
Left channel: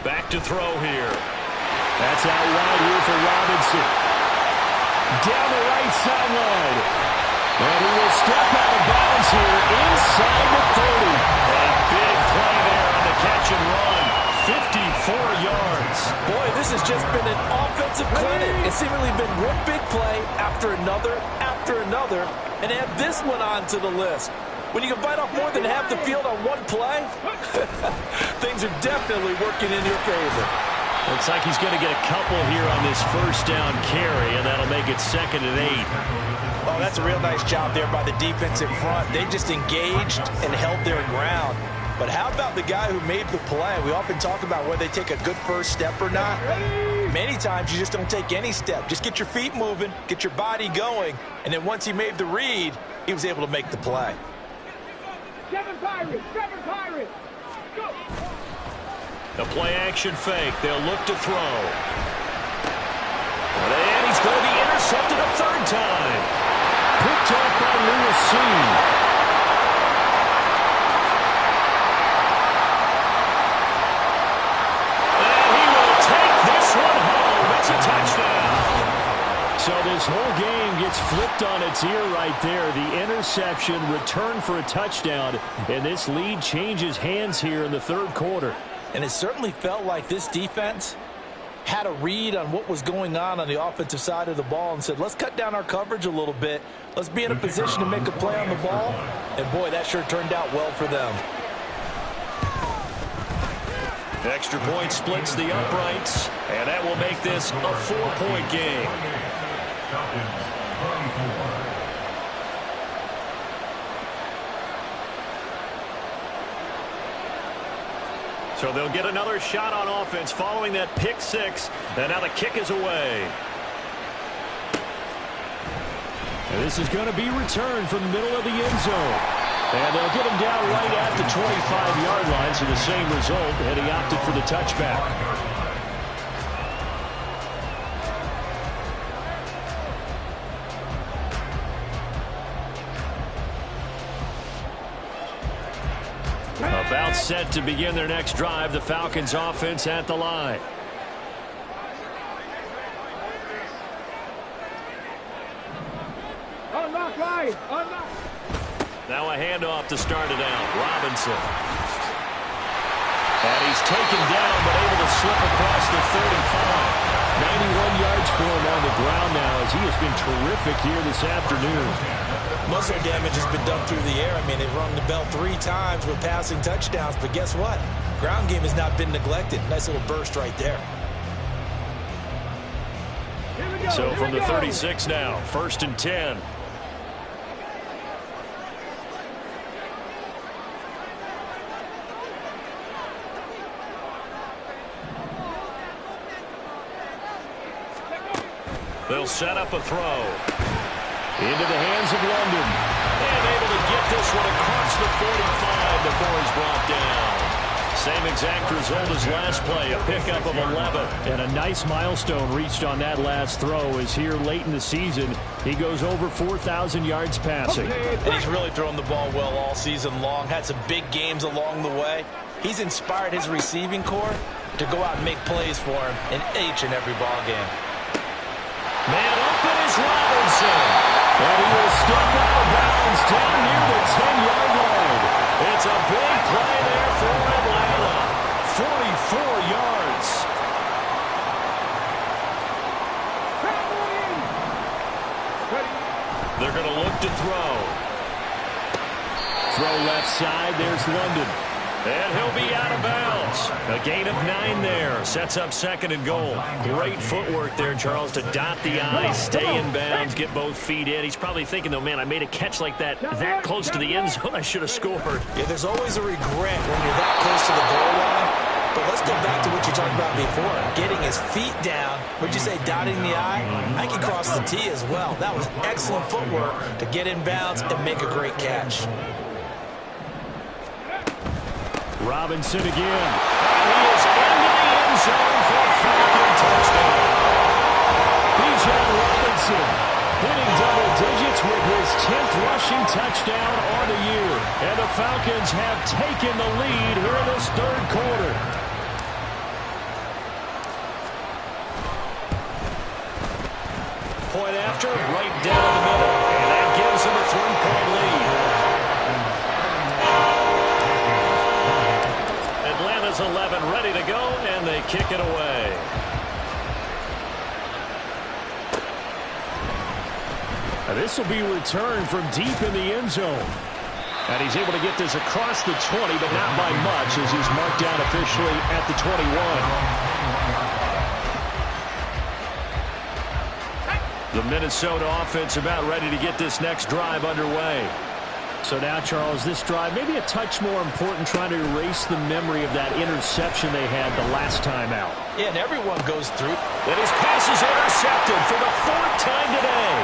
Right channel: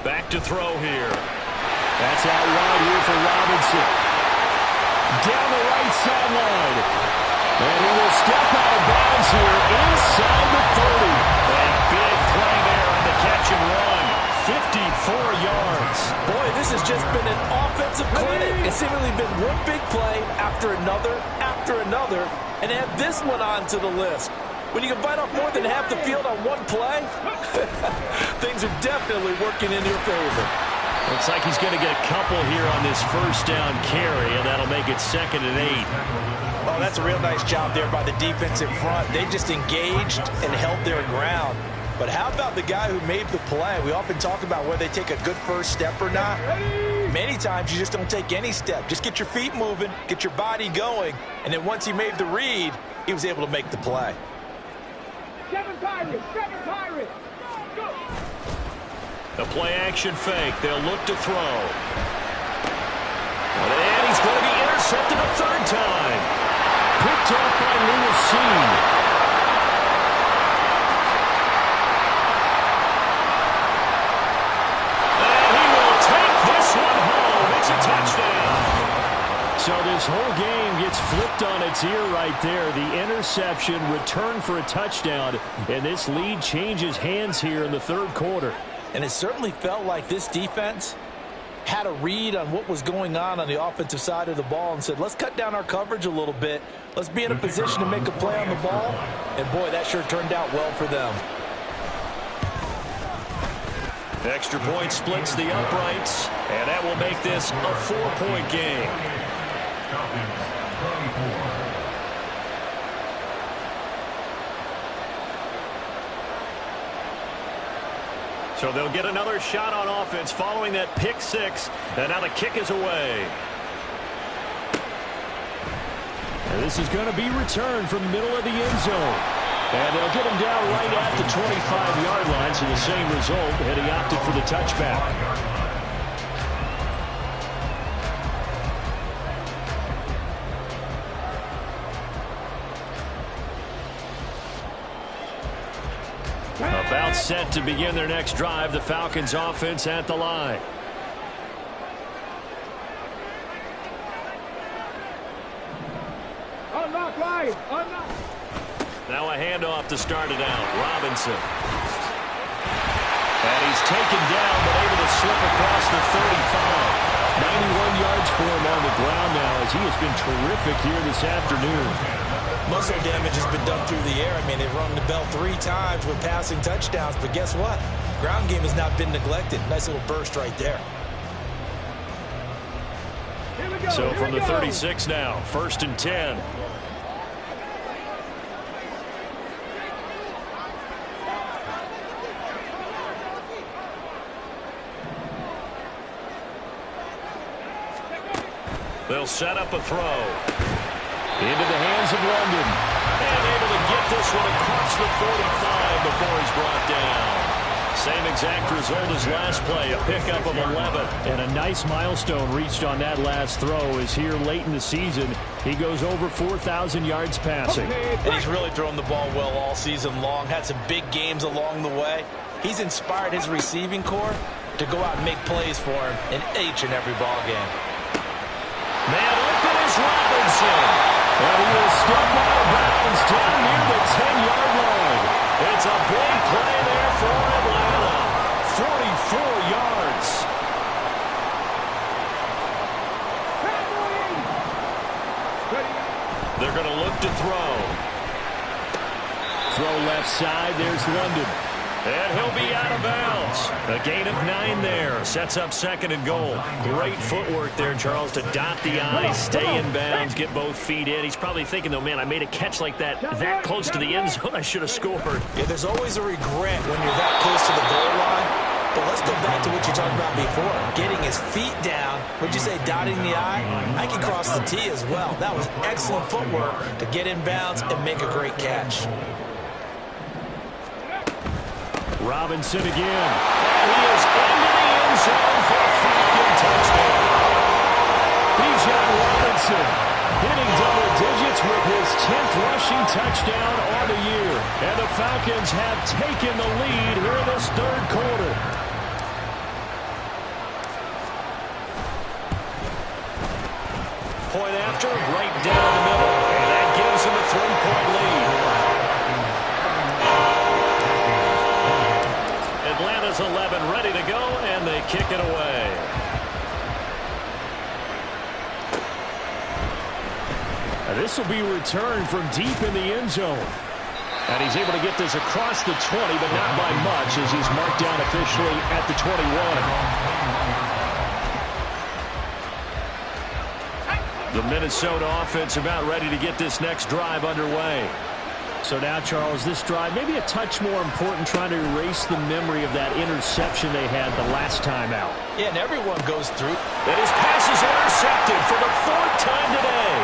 Back to throw here. That's out wide here for Robinson. Down the right sideline. And he will step out of bounds here inside the 30. A big play there on the catch and run. 54 yards. Boy, this has just been an offensive clinic. It's seemingly been one big play after another, and add this one on to the list. When you can bite off more than half the field on one play, things are definitely working in your favor. Looks like he's going to get a couple here on this first down carry, and that'll make it 2nd and 8. Oh, that's a real nice job there by the defensive front. They just engaged and held their ground. But how about the guy who made the play? We often talk about whether they take a good first step or not. Many times you just don't take any step. Just get your feet moving, get your body going, and then once he made the read, he was able to make the play. 7 Pirates! 7 Pirates! Go! The play-action fake. They'll look to throw. And he's going to be intercepted a 3rd time. Picked off by Lewisine. And he will take this one home. It's a touchdown. So this whole game gets flipped on its ear right there. The interception, return for a touchdown, and this lead changes hands here in the 3rd quarter. And it certainly felt like this defense had a read on what was going on the offensive side of the ball and said, let's cut down our coverage a little bit. Let's be in a position to make a play on the ball. And, boy, that sure turned out well for them. Extra point splits the uprights, and that will make this a 4-point game. Falcons 24. So they'll get another shot on offense following that pick 6, and now the kick is away. And this is going to be returned from the middle of the end zone. And they'll get him down right at the 25-yard line, so the same result, and he opted for the touchback. About set to begin their next drive, the Falcons offense at the line. Unlock line! Unlock! Now a handoff to start it out. Robinson. And he's taken down, but able to slip across the 35. 91 yards for him on the ground now, as he has been terrific here this afternoon. Most of their damage has been done through the air. I mean, they've rung the bell 3 times with passing touchdowns, but guess what? Ground game has not been neglected. Nice little burst right there. Here we go! So here from we the go. 36 now, 1st and 10. They'll set up a throw. Into the hands of London. And able to get this one across the 45 before he's brought down. Same exact result as last play, a pickup of 11. And a nice milestone reached on that last throw as here late in the season, he goes over 4,000 yards passing. And he's really thrown the ball well all season long. Had some big games along the way. He's inspired his receiving corps to go out and make plays for him in each and every ball game. Man open is Robinson. And he will step out of bounds down near the 10-yard line. It's a big play there for Atlanta. 44 yards. They're going to look to throw. Throw left side. There's London. And he'll be out of bounds. A gain of 9 there. Sets up 2nd and goal. Great footwork there, Charles, to dot the I, stay in bounds, get both feet in. He's probably thinking, though, man, I made a catch like that close to the end zone. I should have scored. Yeah, there's always a regret when you're that close to the goal line. But let's go back to what you talked about before. Getting his feet down. Would you say dotting the I? I can cross the T as well. That was excellent footwork to get in bounds and make a great catch. Robinson again. And he is into the end zone for a Falcon touchdown. Bijan Robinson hitting double digits with his 10th rushing touchdown on the year. And the Falcons have taken the lead here in this 3rd quarter. Point after, right down the middle. And that gives him a 3-point lead. Atlanta's 11 ready to go, and they kick it away. This will be returned from deep in the end zone. And he's able to get this across the 20, but not by much, as he's marked down officially at the 21. The Minnesota offense about ready to get this next drive underway. So now, Charles, this drive maybe a touch more important, trying to erase the memory of that interception they had the last time out. Yeah, and everyone goes through. And his pass is intercepted for the 4th time today.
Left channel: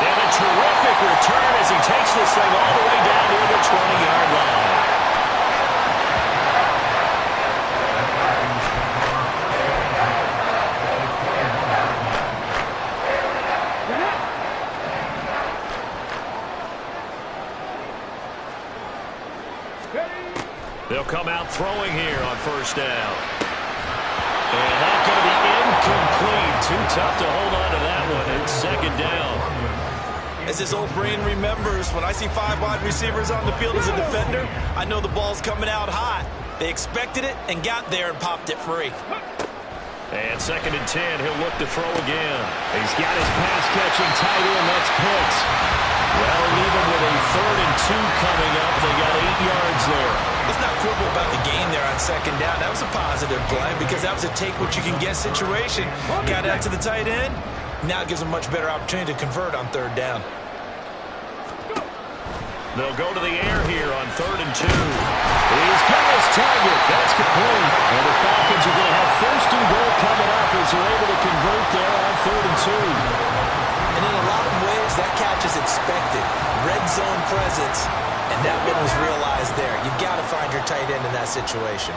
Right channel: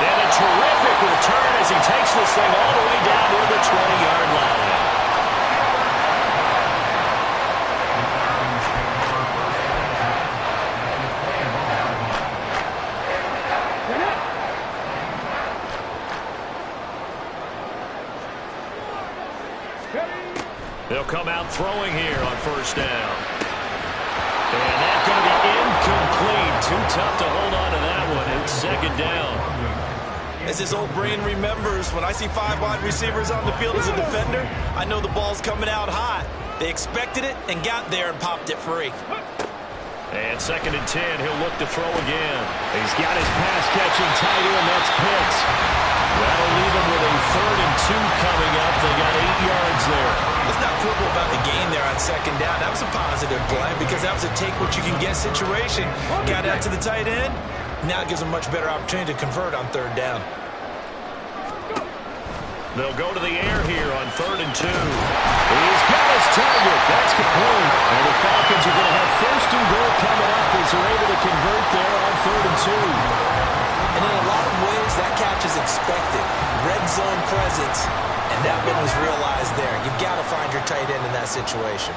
And a terrific return as he takes this thing all the way down near the 20-yard line. They'll come out throwing here on 1st down. And that's going to be incomplete. Too tough to hold on to that one. It's 2nd down. As his old brain remembers, when I see 5 wide receivers on the field as a defender, I know the ball's coming out hot. They expected it and got there and popped it free. And 2nd and 10, he'll look to throw again. He's got his pass-catching tight end. That's Pitts. That'll leave him with a 3rd and 2 coming up. They got 8 yards there. Let's not quibble about the gain there on 2nd down. That was a positive play because that was a take-what-you-can-get situation. Got out to the tight end. Now it gives them a much better opportunity to convert on 3rd down. They'll go to the air here on 3rd and 2. He's got his target. That's complete. And the Falcons are going to have 1st and goal coming up as they're able to convert there on 3rd and 2. And in a lot of ways, that catch is expected. Red zone presence, and that one was realized there. You've got to find your tight end in that situation.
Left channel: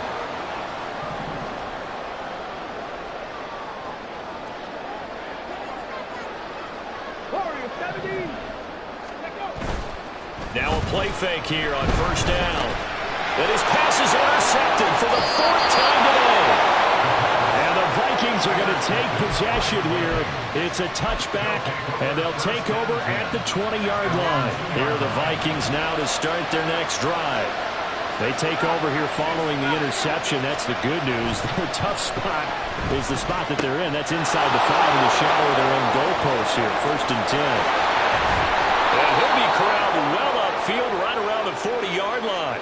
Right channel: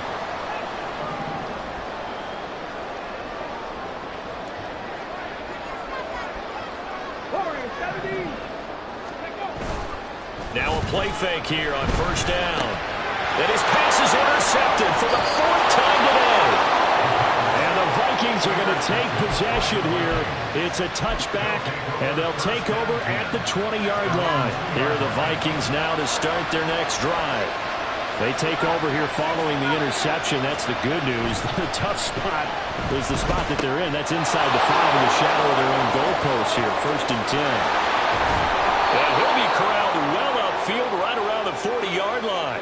Now a play fake here on 1st down. And his pass is intercepted for the 4th time today. And the Vikings are going to take possession here. It's a touchback, and they'll take over at the 20-yard line. Here are the Vikings now to start their next drive. They take over here following the interception. That's the good news. The tough spot is the spot that they're in. That's inside the 5 in the shadow of their own goalpost here. 1st and 10. And he'll be corralled well upfield right around the 40-yard line.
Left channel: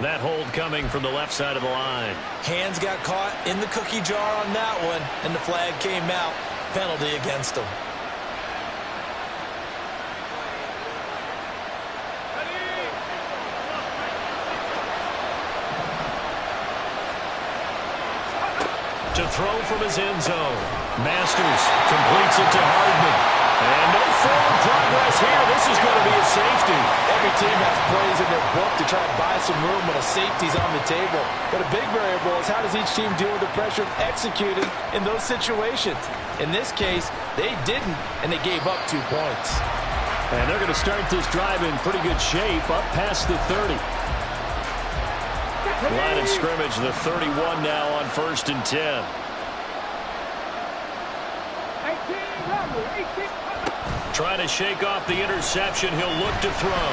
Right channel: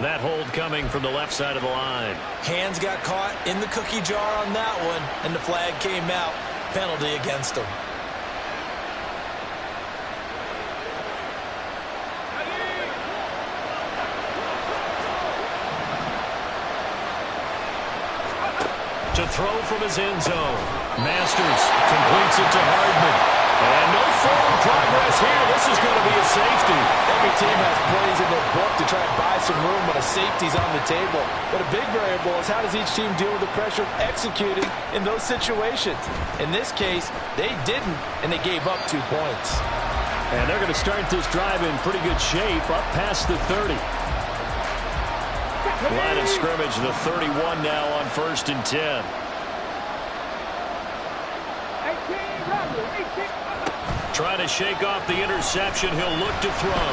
That hold coming from the left side of the line. Hands got caught in the cookie jar on that one, and the flag came out. Penalty against him. To throw from his end zone. Masters completes it to Hardman. And no forward progress here. This is going to be a safety. Every team has plays in their book to try and buy some room when a safety's on the table. But a big variable is how does each team deal with the pressure of executing in those situations. In this case, they didn't, and they gave up 2 points. And they're going to start this drive in pretty good shape, up past the 30. Line of scrimmage, the 31 now on 1st and 10. 18. Trying to shake off the interception. He'll look to throw.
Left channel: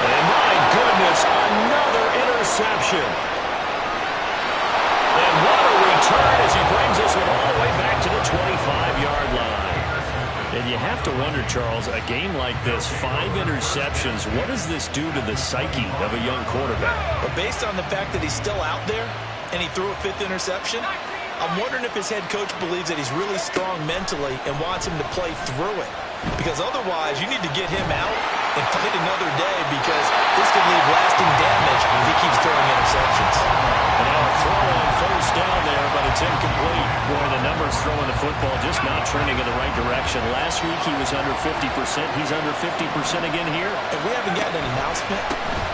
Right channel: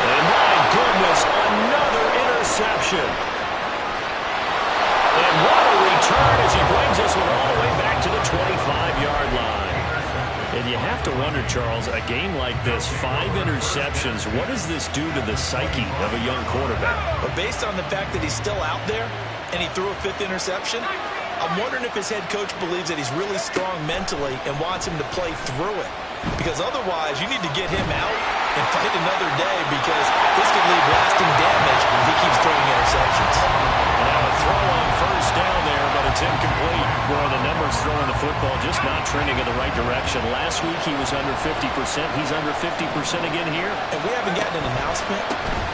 And my goodness, another interception. And what a return as he brings this one all the way back to the 25-yard line. And you have to wonder, Charles, a game like this, 5 interceptions, what does this do to the psyche of a young quarterback? But based on the fact that he's still out there and he threw a 5th interception, I'm wondering if his head coach believes that he's really strong mentally and wants him to play through it. Because otherwise, you need to get him out and fight another day, because this could leave lasting damage if he keeps throwing interceptions. And now a throw on first down there, but it's incomplete. Boy, the numbers throwing the football just not trending in the right direction. Last week he was under 50%. He's under 50% again here. And we haven't gotten an announcement,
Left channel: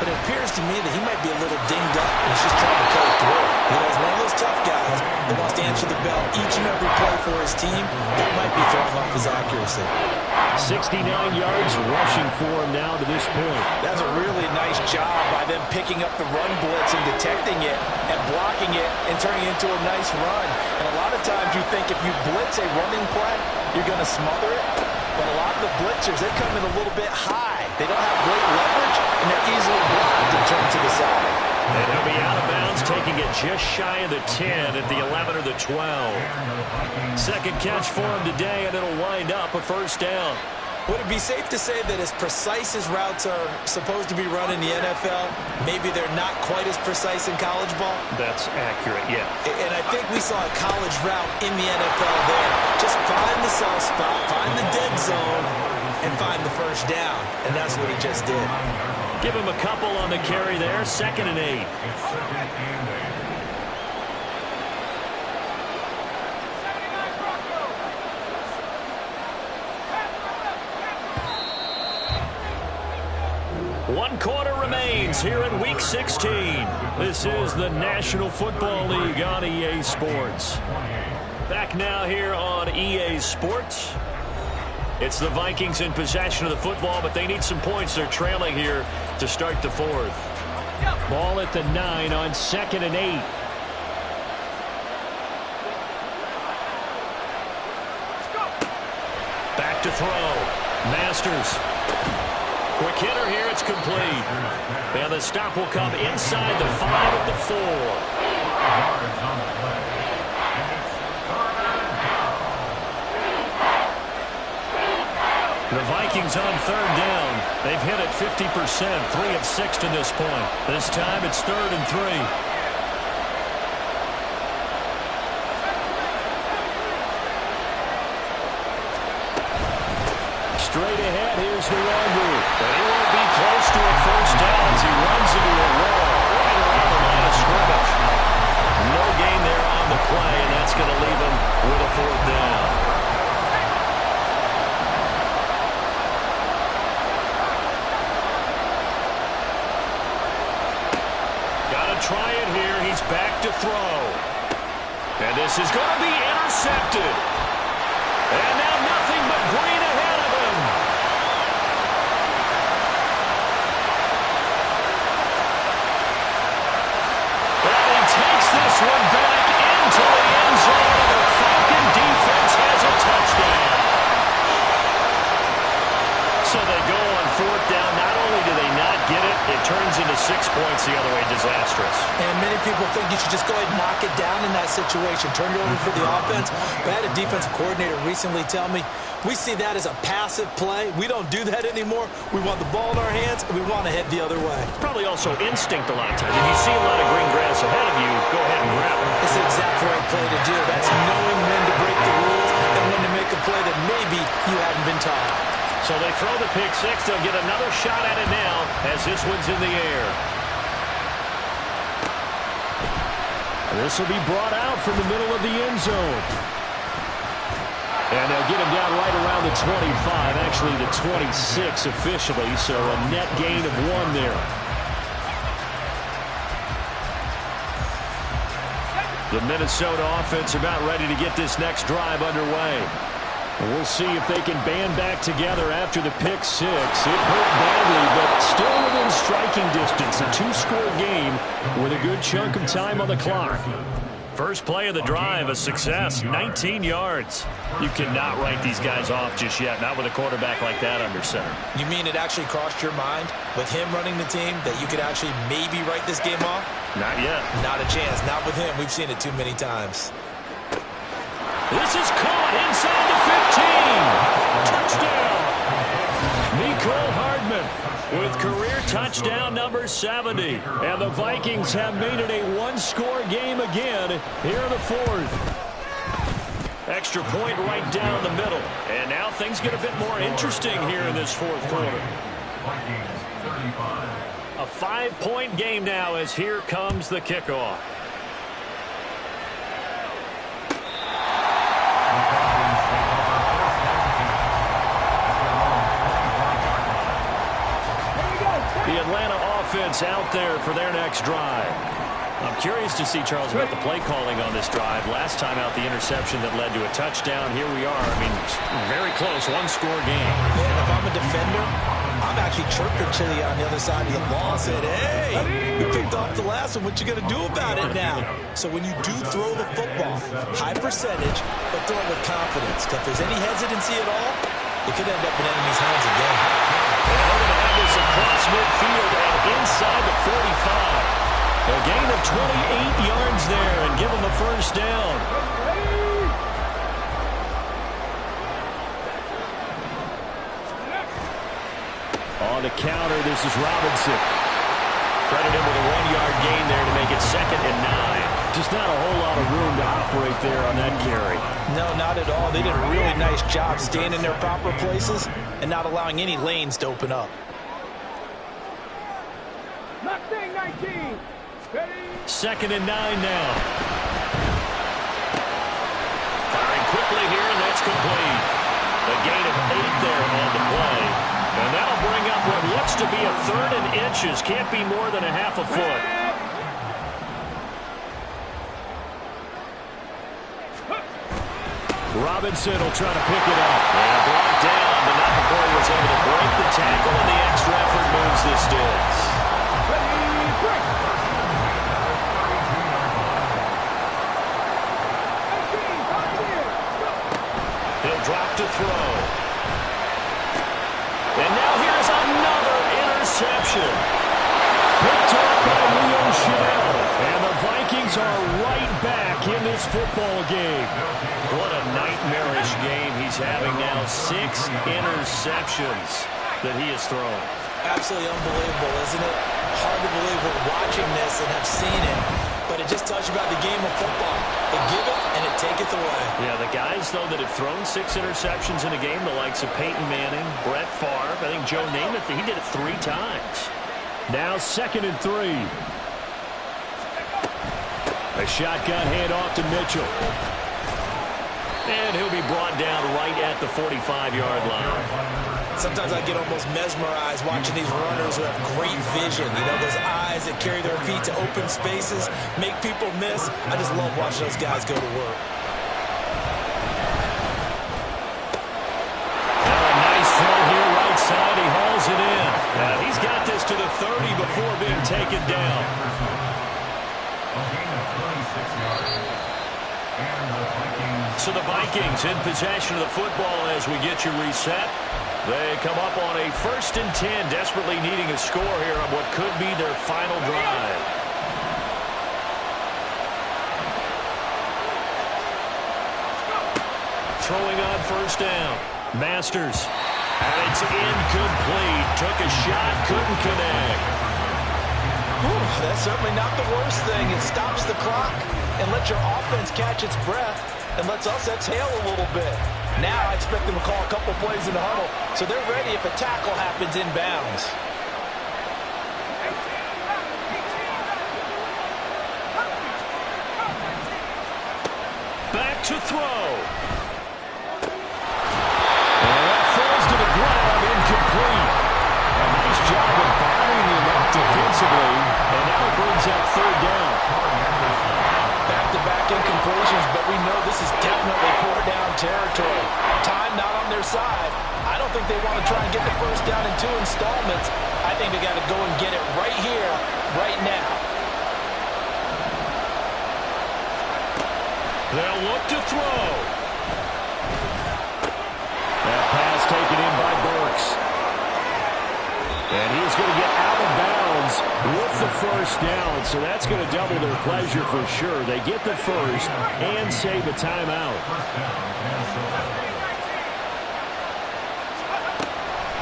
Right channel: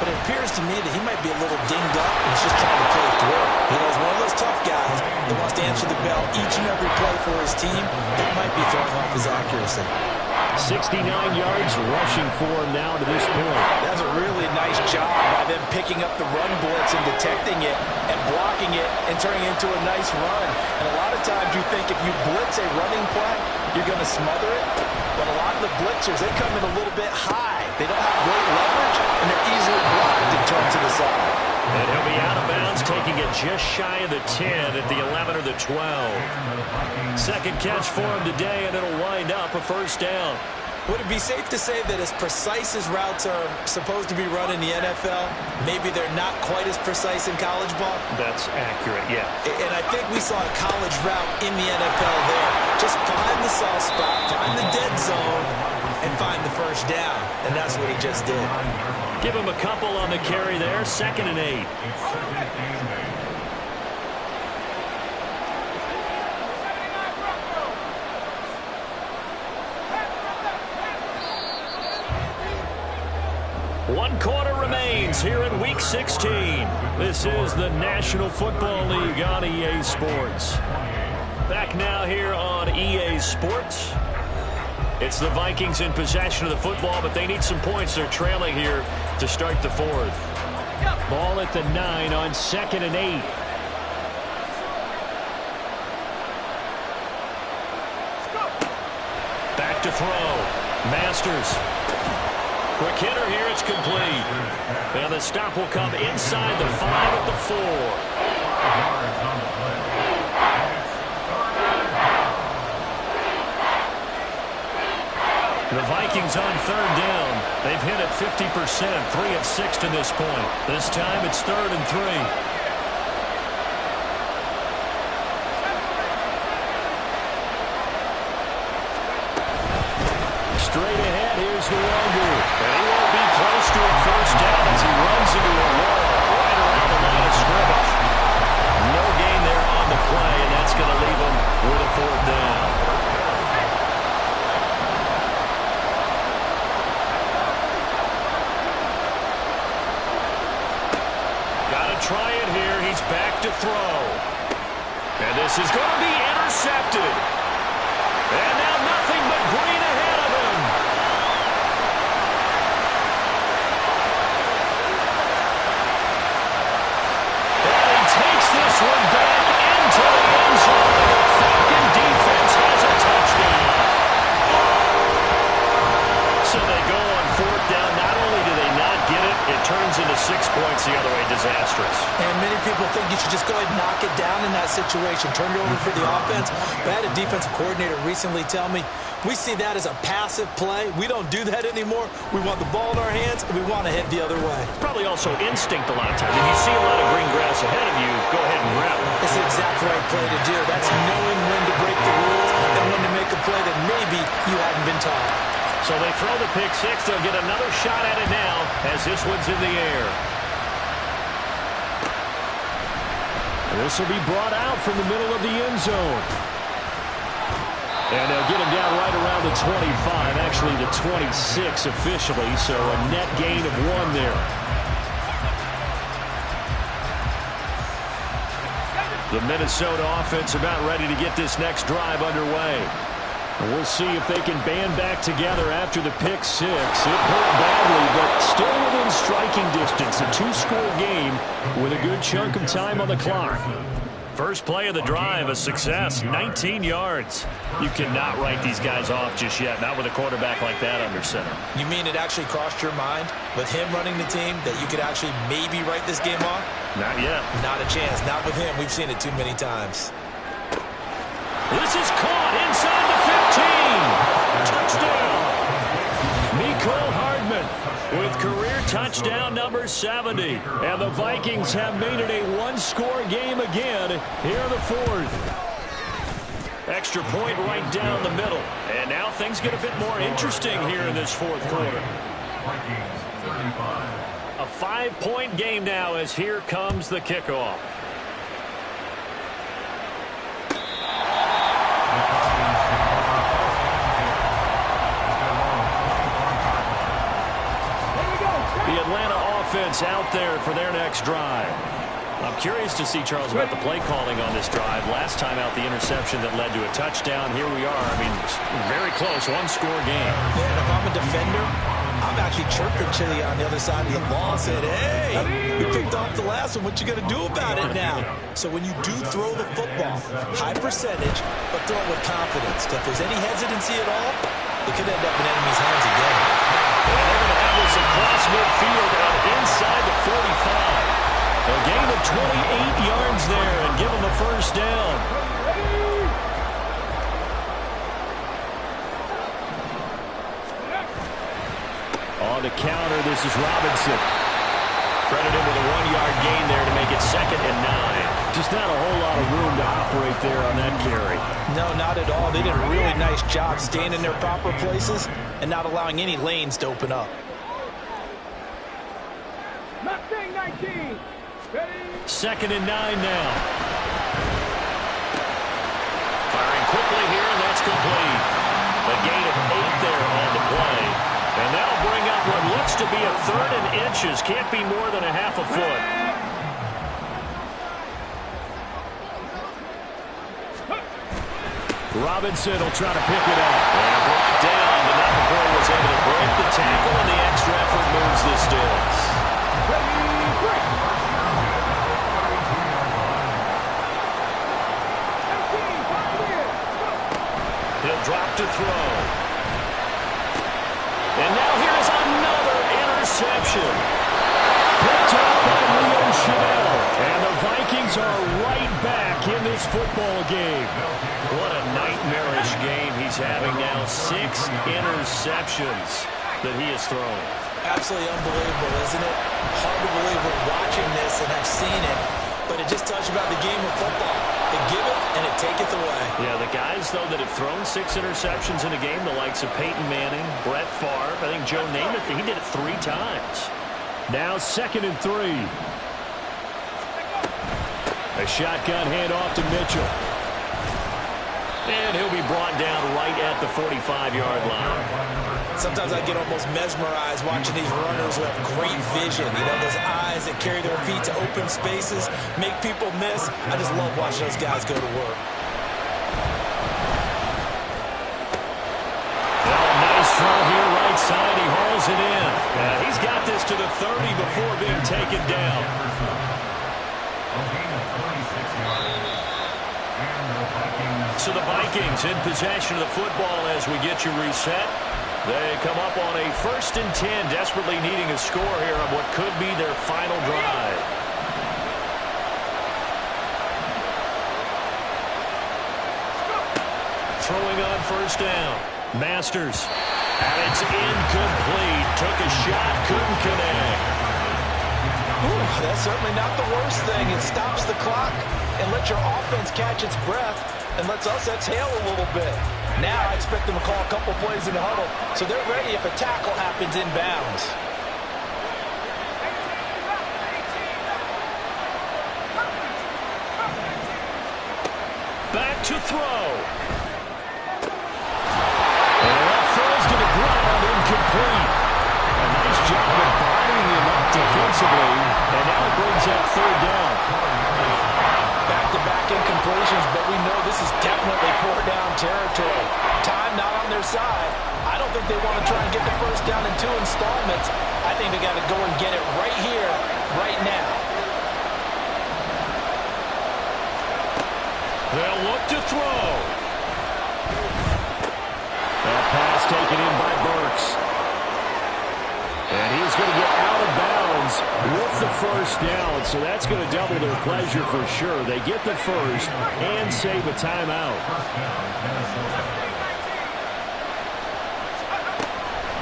but it appears to me that he might be a little dinged up and he's just trying to play through. You know, he's one of those tough guys that wants to answer the bell each and every play for his team. That might be throwing off his accuracy. 69 yards rushing for him now to this point. That's a really nice job by them picking up the run blitz and detecting it and blocking it and turning it into a nice run. And a lot of times you think if you blitz a running play, you're going to smother it. But a lot of the blitzers, they come in a little bit high. They don't have great leverage, and they're easily blocked and turned to the side. And he'll be out of bounds, taking it just shy of the 10 at the 11 or the 12. Second catch for him today, and it'll wind up a first down. Would it be safe to say that as precise as routes are supposed to be run in the NFL, maybe they're not quite as precise in college ball? That's accurate, yeah. And I think we saw a college route in the NFL there. Just find the soft spot, find the dead zone, and find the first down. And that's what he just did. Give him a couple on the carry there. 2nd and 8. It's 2nd and 8. One quarter remains here in Week 16. This is the National Football League on EA Sports. Back now here on EA Sports. It's the Vikings in possession of the football, but they need some points. They're trailing here to start the 4th. Ball at the 9 on 2nd and 8. Back to throw. Masters. Quick hitter here, it's complete. And the stop will come inside the 5 at the 4. Yards on the play. It's 3rd and 10. The Vikings on 3rd down. They've hit it 50%, 3 of 6 to this point. This time it's 3rd and 3. Straight ahead, here's Nwogu. And he won't be close to a first down as he runs into a wall right around the line of scrimmage. No gain there on the play, and that's going to leave him with a 4th down. Got to try it here. He's back to throw. And this is going to be intercepted. And now nothing but green ahead of him. And he takes this one back into the end zone, and the Falcon defense has a touchdown. So they go on 4th down. Not only do they not get it, it turns into 6 points the other way. Disastrous. And many people think you should just go ahead and knock it down in that situation. Turn it over for the offense. But I had a defensive coordinator recently tell me, we see that as a passive play. We don't do that anymore. We want the ball in our hands, and we want to head the other way. It's probably also instinct a lot of times. If you see a lot of green grass ahead of you, go ahead and grab it. It's the exact right play to do. That's knowing when to break the rules and when to make a play that maybe you hadn't been taught. So they throw the pick 6. They'll get another shot at it now as this one's in the air. And this will be brought out from the middle of the end zone. And they'll get him down right around the 25, actually the 26 officially, so a net gain of 1 there. The Minnesota offense about ready to get this next drive underway. And we'll see if they can band back together after the pick 6. It hurt badly, but still within striking distance. A 2-score game with a good chunk of time on the clock. First play of the drive, a success, 19 yards. You cannot write these guys off just yet, not with a quarterback like that under center. You mean it actually crossed your mind with him running the team that you could actually maybe write this game off? Not yet. Not a chance. Not with him. We've seen it too many times. This is caught inside the 15. Touchdown. Mecole Hardman with career touchdown number 70. And the Vikings have made it a one-score game again here in the fourth. Extra point right down the middle. And now things get a bit more interesting here in this fourth quarter. Vikings 35. A 5-point game now as here comes the kickoff. The Falcons take over first and 10 at their own 24-yard line. The Atlanta offense out there for their next drive. I'm curious to see, Charles, about the play calling on this drive. Last time out, the interception that led to a touchdown. Here we are. I mean, very close, one-score game. Man, if I'm a defender, I'm actually chirping Chili on the other side of the ball. Said, hey, you picked off the last one. What you going to do about it now? So when you do throw the football, high percentage, but throw it with confidence. Because if there's any hesitancy at all, it could end up in enemy's hands again. And they're going to have this across midfield and inside the 45. A gain of 28 yards there and give them a first down. On the counter, this is Robinson. Credit him with a 1-yard gain there to make it 2nd and 9. Just not a whole lot of room to operate there on that carry. No, not at all. They did a really nice job staying in their proper places and not allowing any lanes to open up. Mustang 19. Ready? 2nd and 9 now. Firing quickly here, and that's complete. A gain of 8 there on the play. And that'll bring up what looks to be a 3rd and inches. Can't be more than a half a foot. Robinson will try to pick it up. And brought down, but not before he was able to break the tackle, and the extra effort moves the sticks. Ready, break. 18, 5 in. Go. He'll drop to throw. And now here is another interception. Picked up by Leo Chanel. And the Vikings are right back in this football game. What a nightmarish game he's having now. 6 interceptions that he has thrown. Absolutely unbelievable, isn't it? Hard to believe we're watching this and have seen it. But it just tells you about the game of football. It giveth and it taketh away. Yeah, the guys, though, that have thrown 6 interceptions in a game, the likes of Peyton Manning, Brett Favre, I think Joe Namath, he did it 3 times. Now 2nd and 3. A shotgun handoff to Mitchell. And he'll be brought down right at the 45-yard line. Sometimes I get almost mesmerized watching these runners who have great vision. You know, those eyes that carry their feet to open spaces, make people miss. I just love watching those guys go to work. Now a nice throw here right side. He hauls it in. He's got this to the 30 before being taken down. A gain of 26 yards. So the Vikings in possession of the football as we get you reset. They come up on a 1st and 10, desperately needing a score here on what could be their final drive. Throwing on 1st down. Masters. And it's incomplete. Took a shot, couldn't connect. Ooh, that's certainly not the worst thing. It stops the clock and lets your offense catch its breath and lets us exhale a little bit. Now I expect them to call a couple plays in the huddle so they're ready if a tackle happens inbounds. Back to throw. And that falls to the ground, incomplete. A nice job of bottling him up defensively, and now it brings up 3rd down. Back-to-back incompletions, but we know this is definitely 4-down territory. Time not on their side. I don't think they want to try and get the 1st down in 2 installments. I think they got to go and get it right here, right now. They'll look to throw. That pass taken in by Burks. And he's going to get out of bounds Vikings with the first down, so that's going to double their pleasure for sure. They get the first and save a timeout.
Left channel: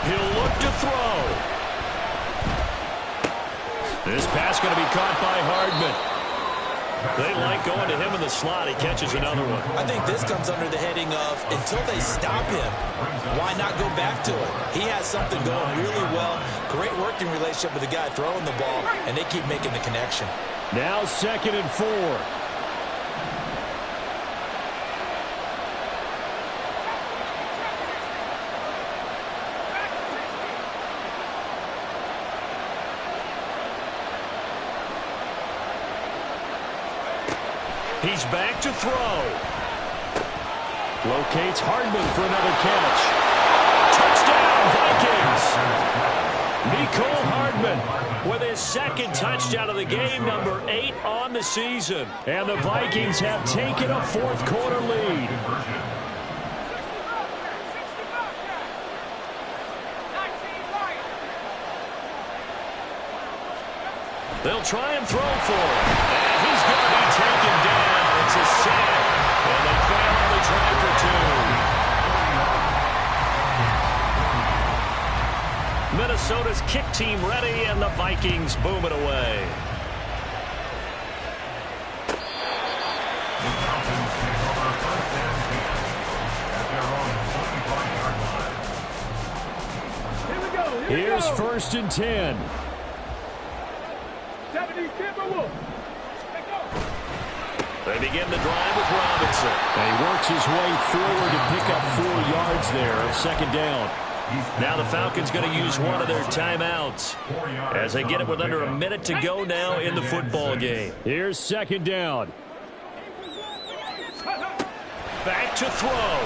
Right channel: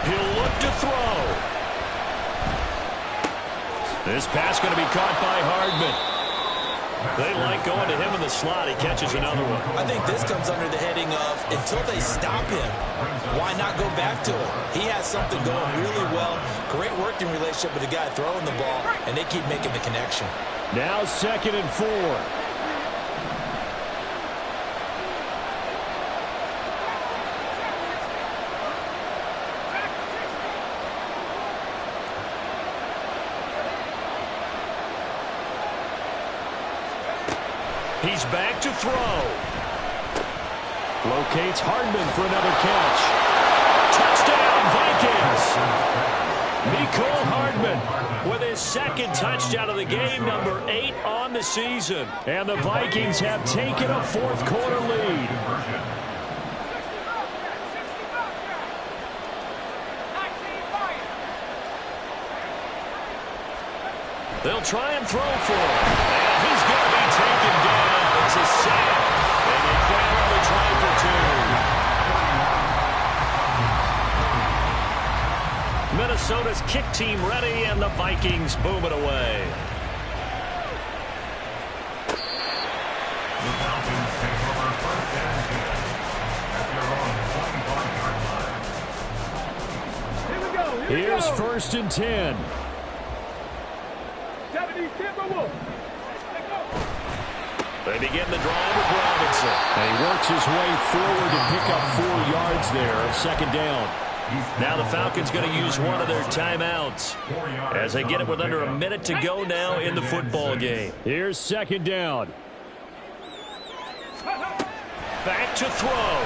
He'll look to throw. This pass going to be caught by Hardman. They like going to him in the slot. He catches another one. I think this comes under the heading of until they stop him, why not go back to it? He has something going really well. Great working relationship with the guy throwing the ball, and they keep making the connection. Now 2nd and 4. He's back to throw. Locates Hardman for another catch. Touchdown, Vikings. Mecole Hardman with his 2nd touchdown of the game, number 8 on the season. And the Vikings have taken a 4th quarter lead. They'll try and throw for him. And he's going to be taken down. It's a sack. And they fail on the try for 2. Minnesota's kick team ready, and the Vikings boom it away. The Falcons take over 1st and 10 at their own 25-yard line. Here we go. Here's 1st and 10. 70 Timberwolves. Let's go. They begin the drive with Robinson. And he works his way forward to pick up 4 yards there of 2nd down. Now the Falcons going to use one of their timeouts as they get it with under a minute to go now in the football game. Here's 2nd down. Back to throw.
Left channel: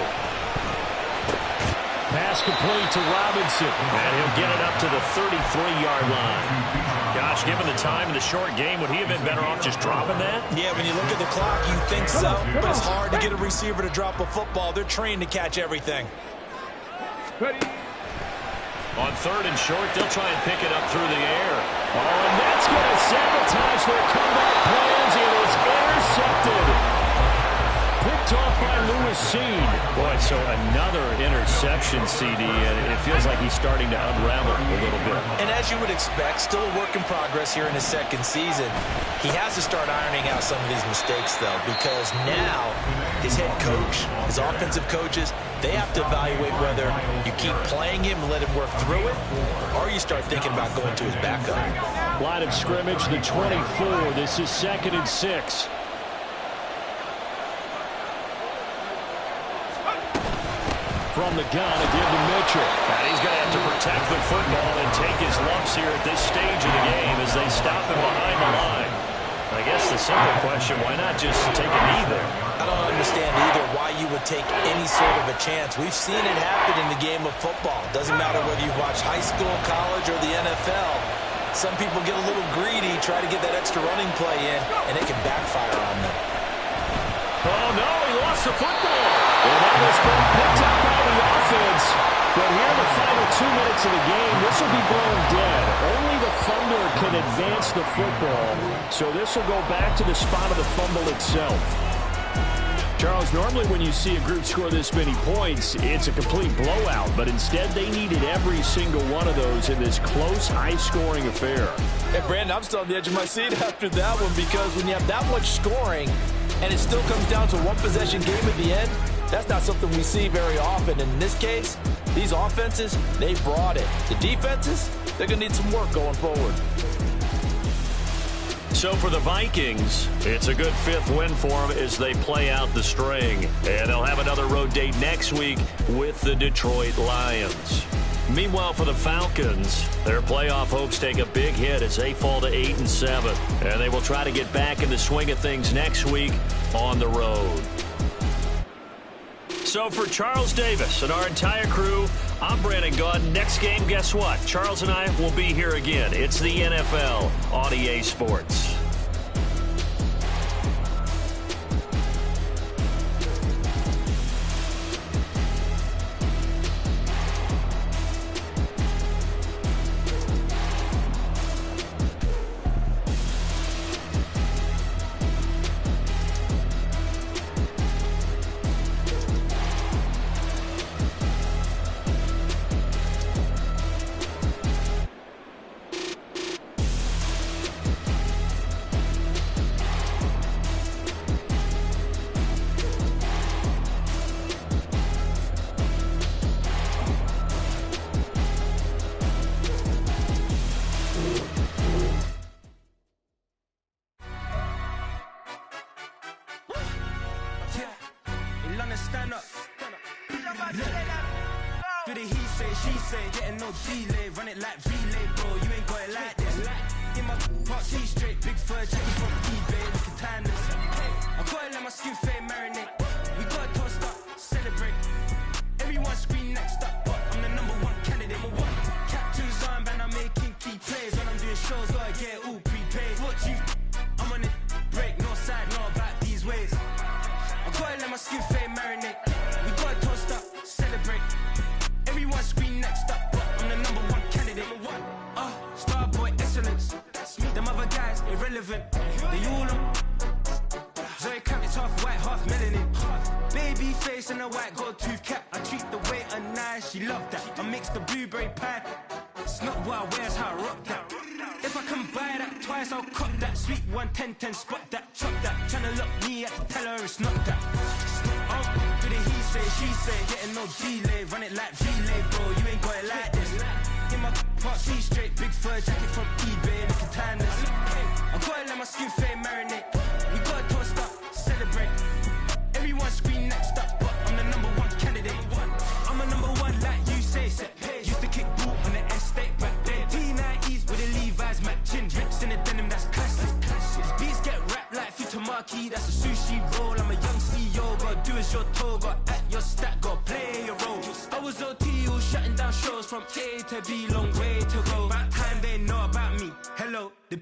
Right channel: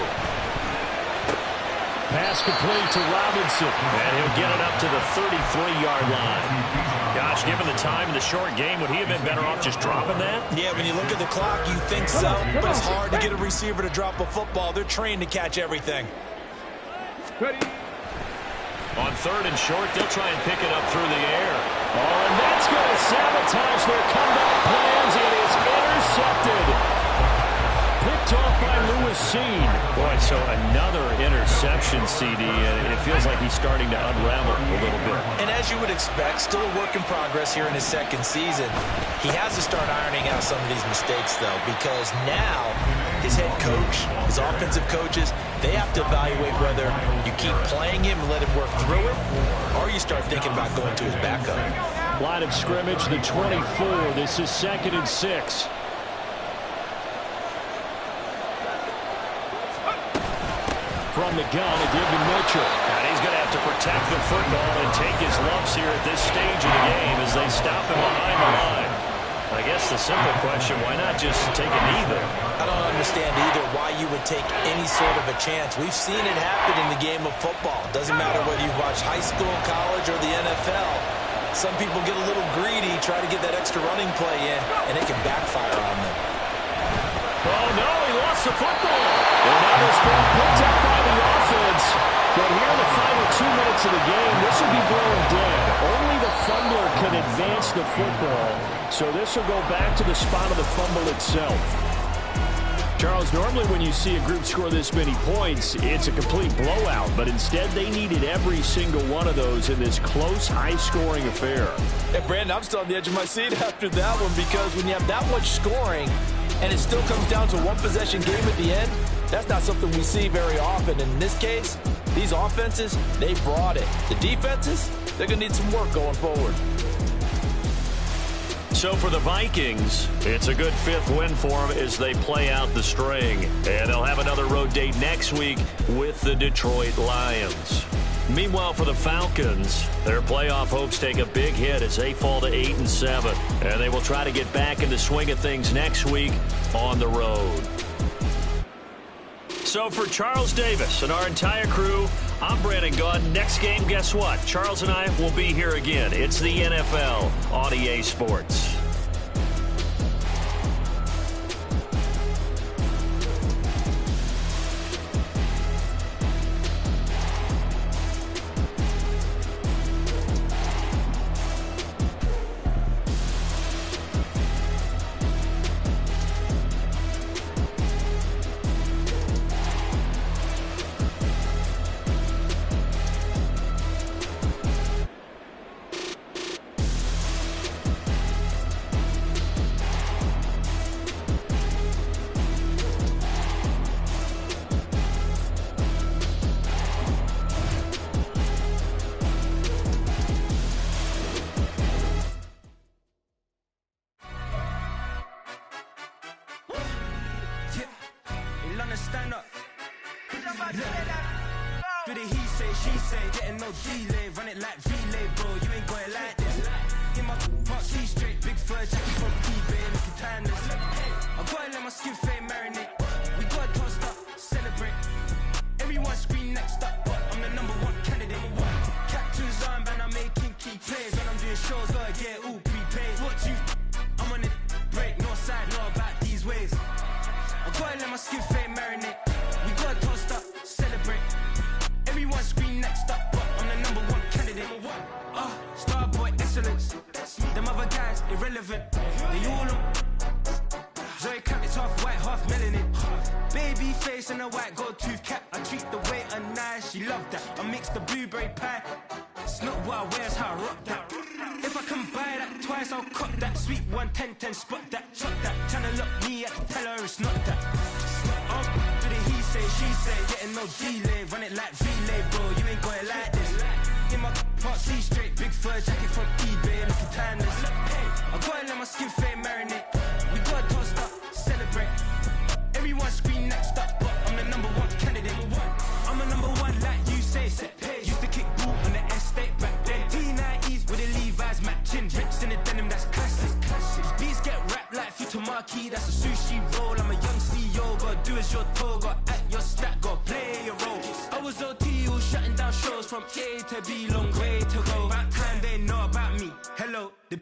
Pass complete to Robinson. And he'll get it up to the 33-yard line. Gosh, given the time in the short game, would he have been better off just dropping that? Yeah, when you look at the clock, you think so, but it's hard to get a receiver to drop a football. They're trained to catch everything. Ready. On 3rd and short, they'll try and pick it up through the air. Oh, and that's going to sabotage their comeback plans. It is intercepted. Picked off by Lewis Cine. Boy, so another interception, CD, and it feels like he's starting to unravel a little bit. And as you would expect, still a work in progress here in his 2nd season. He has to start ironing out some of these mistakes, though, because now his head coach, his offensive coaches, they have to evaluate whether you keep playing him and let him work through it, or you start thinking about going to his backup. Line of scrimmage, the 24. This is 2nd and 6. From the gun, it gives to Mitchell. And he's going to have to protect the football and take his lumps here at this stage of the game as they stop him behind the line. I guess the simple question, why not just take a knee there? I don't understand either why you would take any sort of a chance. We've seen it happen in the game of football. Doesn't matter whether you've watched high school, college, or the NFL. Some people get a little greedy, try to get that extra running play in, and it can backfire on them. Oh, no, he lost the football. And now this ball picked up by the offense. But here in the final 2 minutes of the game, this will be blown dead. Only the fumbler can advance the football. So this will go back to the spot of the fumble itself. Charles, normally when you see a group score this many points, it's a complete blowout. But instead, they needed every single one of those in this close, high-scoring affair. Hey, Brandon, I'm still on the edge of my seat after that one because when you have that much scoring and it still comes down to a one-possession game at the end, that's not something we see very often. In this case, these offenses, they brought it. The defenses, they're going to need some work going forward. So for the Vikings, it's a good 5th win for them as they play out the string. And they'll have another road date next week with the Detroit Lions. Meanwhile, for the Falcons, their playoff hopes take a big hit as they fall to 8-7. And they will try to get back in the swing of things next week on the road. So for Charles Davis and our entire crew, I'm Brandon Gaudin. Next game, guess what? Charles and I will be here again. It's the NFL on EA Sports. in London, stand up. Do the he say, she say, getting no delay, run it like relay, bro, you ain't got it like this. In my can't see straight, big fur jacket from eBay, looking timeless. I gotta let my skin fade marinate. We gotta toast up, celebrate. Everyone scream next up, but I'm the #1 candidate. Captain's armband, I'm making key plays. When I'm doing shows, gotta get all prepaid. What you I'm on it, break, no side, no about these ways. I gotta let my skin fade marinate. We gotta toast up, celebrate. Everyone scream next up, but I'm the #1 candidate. Starboy excellence. Them other guys irrelevant. They all on. Zoe Camp, it's half white, half melanin. Baby face and a white gold tooth cap. I treat the waiter nice, she love that. I mix the blueberry pie. It's not what I wear, it's how I rock that. If I can buy that twice, I'll cop that. Sweet 110, spot that, chop that. Tryna lock me, I can tell her it's not that. Do the he say, she say, getting no delay, run it like relay, bro, you ain't got it like this. In my can't see straight, big fur jacket from eBay, looking timeless. I gotta let my skin fade marinate. We gotta toast up, celebrate. Everyone scream next up, but I'm the #1 candidate. I'm a #1 like you say, set pace. Used to kick ball on the estate back then. T90s with the Levi's matching, rips in the denim, that's classic. Beats get wrapped like Futamaki, that's a sushi roll. I'm a young CEO, gotta do as you're told, gotta act your stat, gotta play your role. I was OT, all shutting down shows from A to B, long way to go. About time they know about me. Hello, the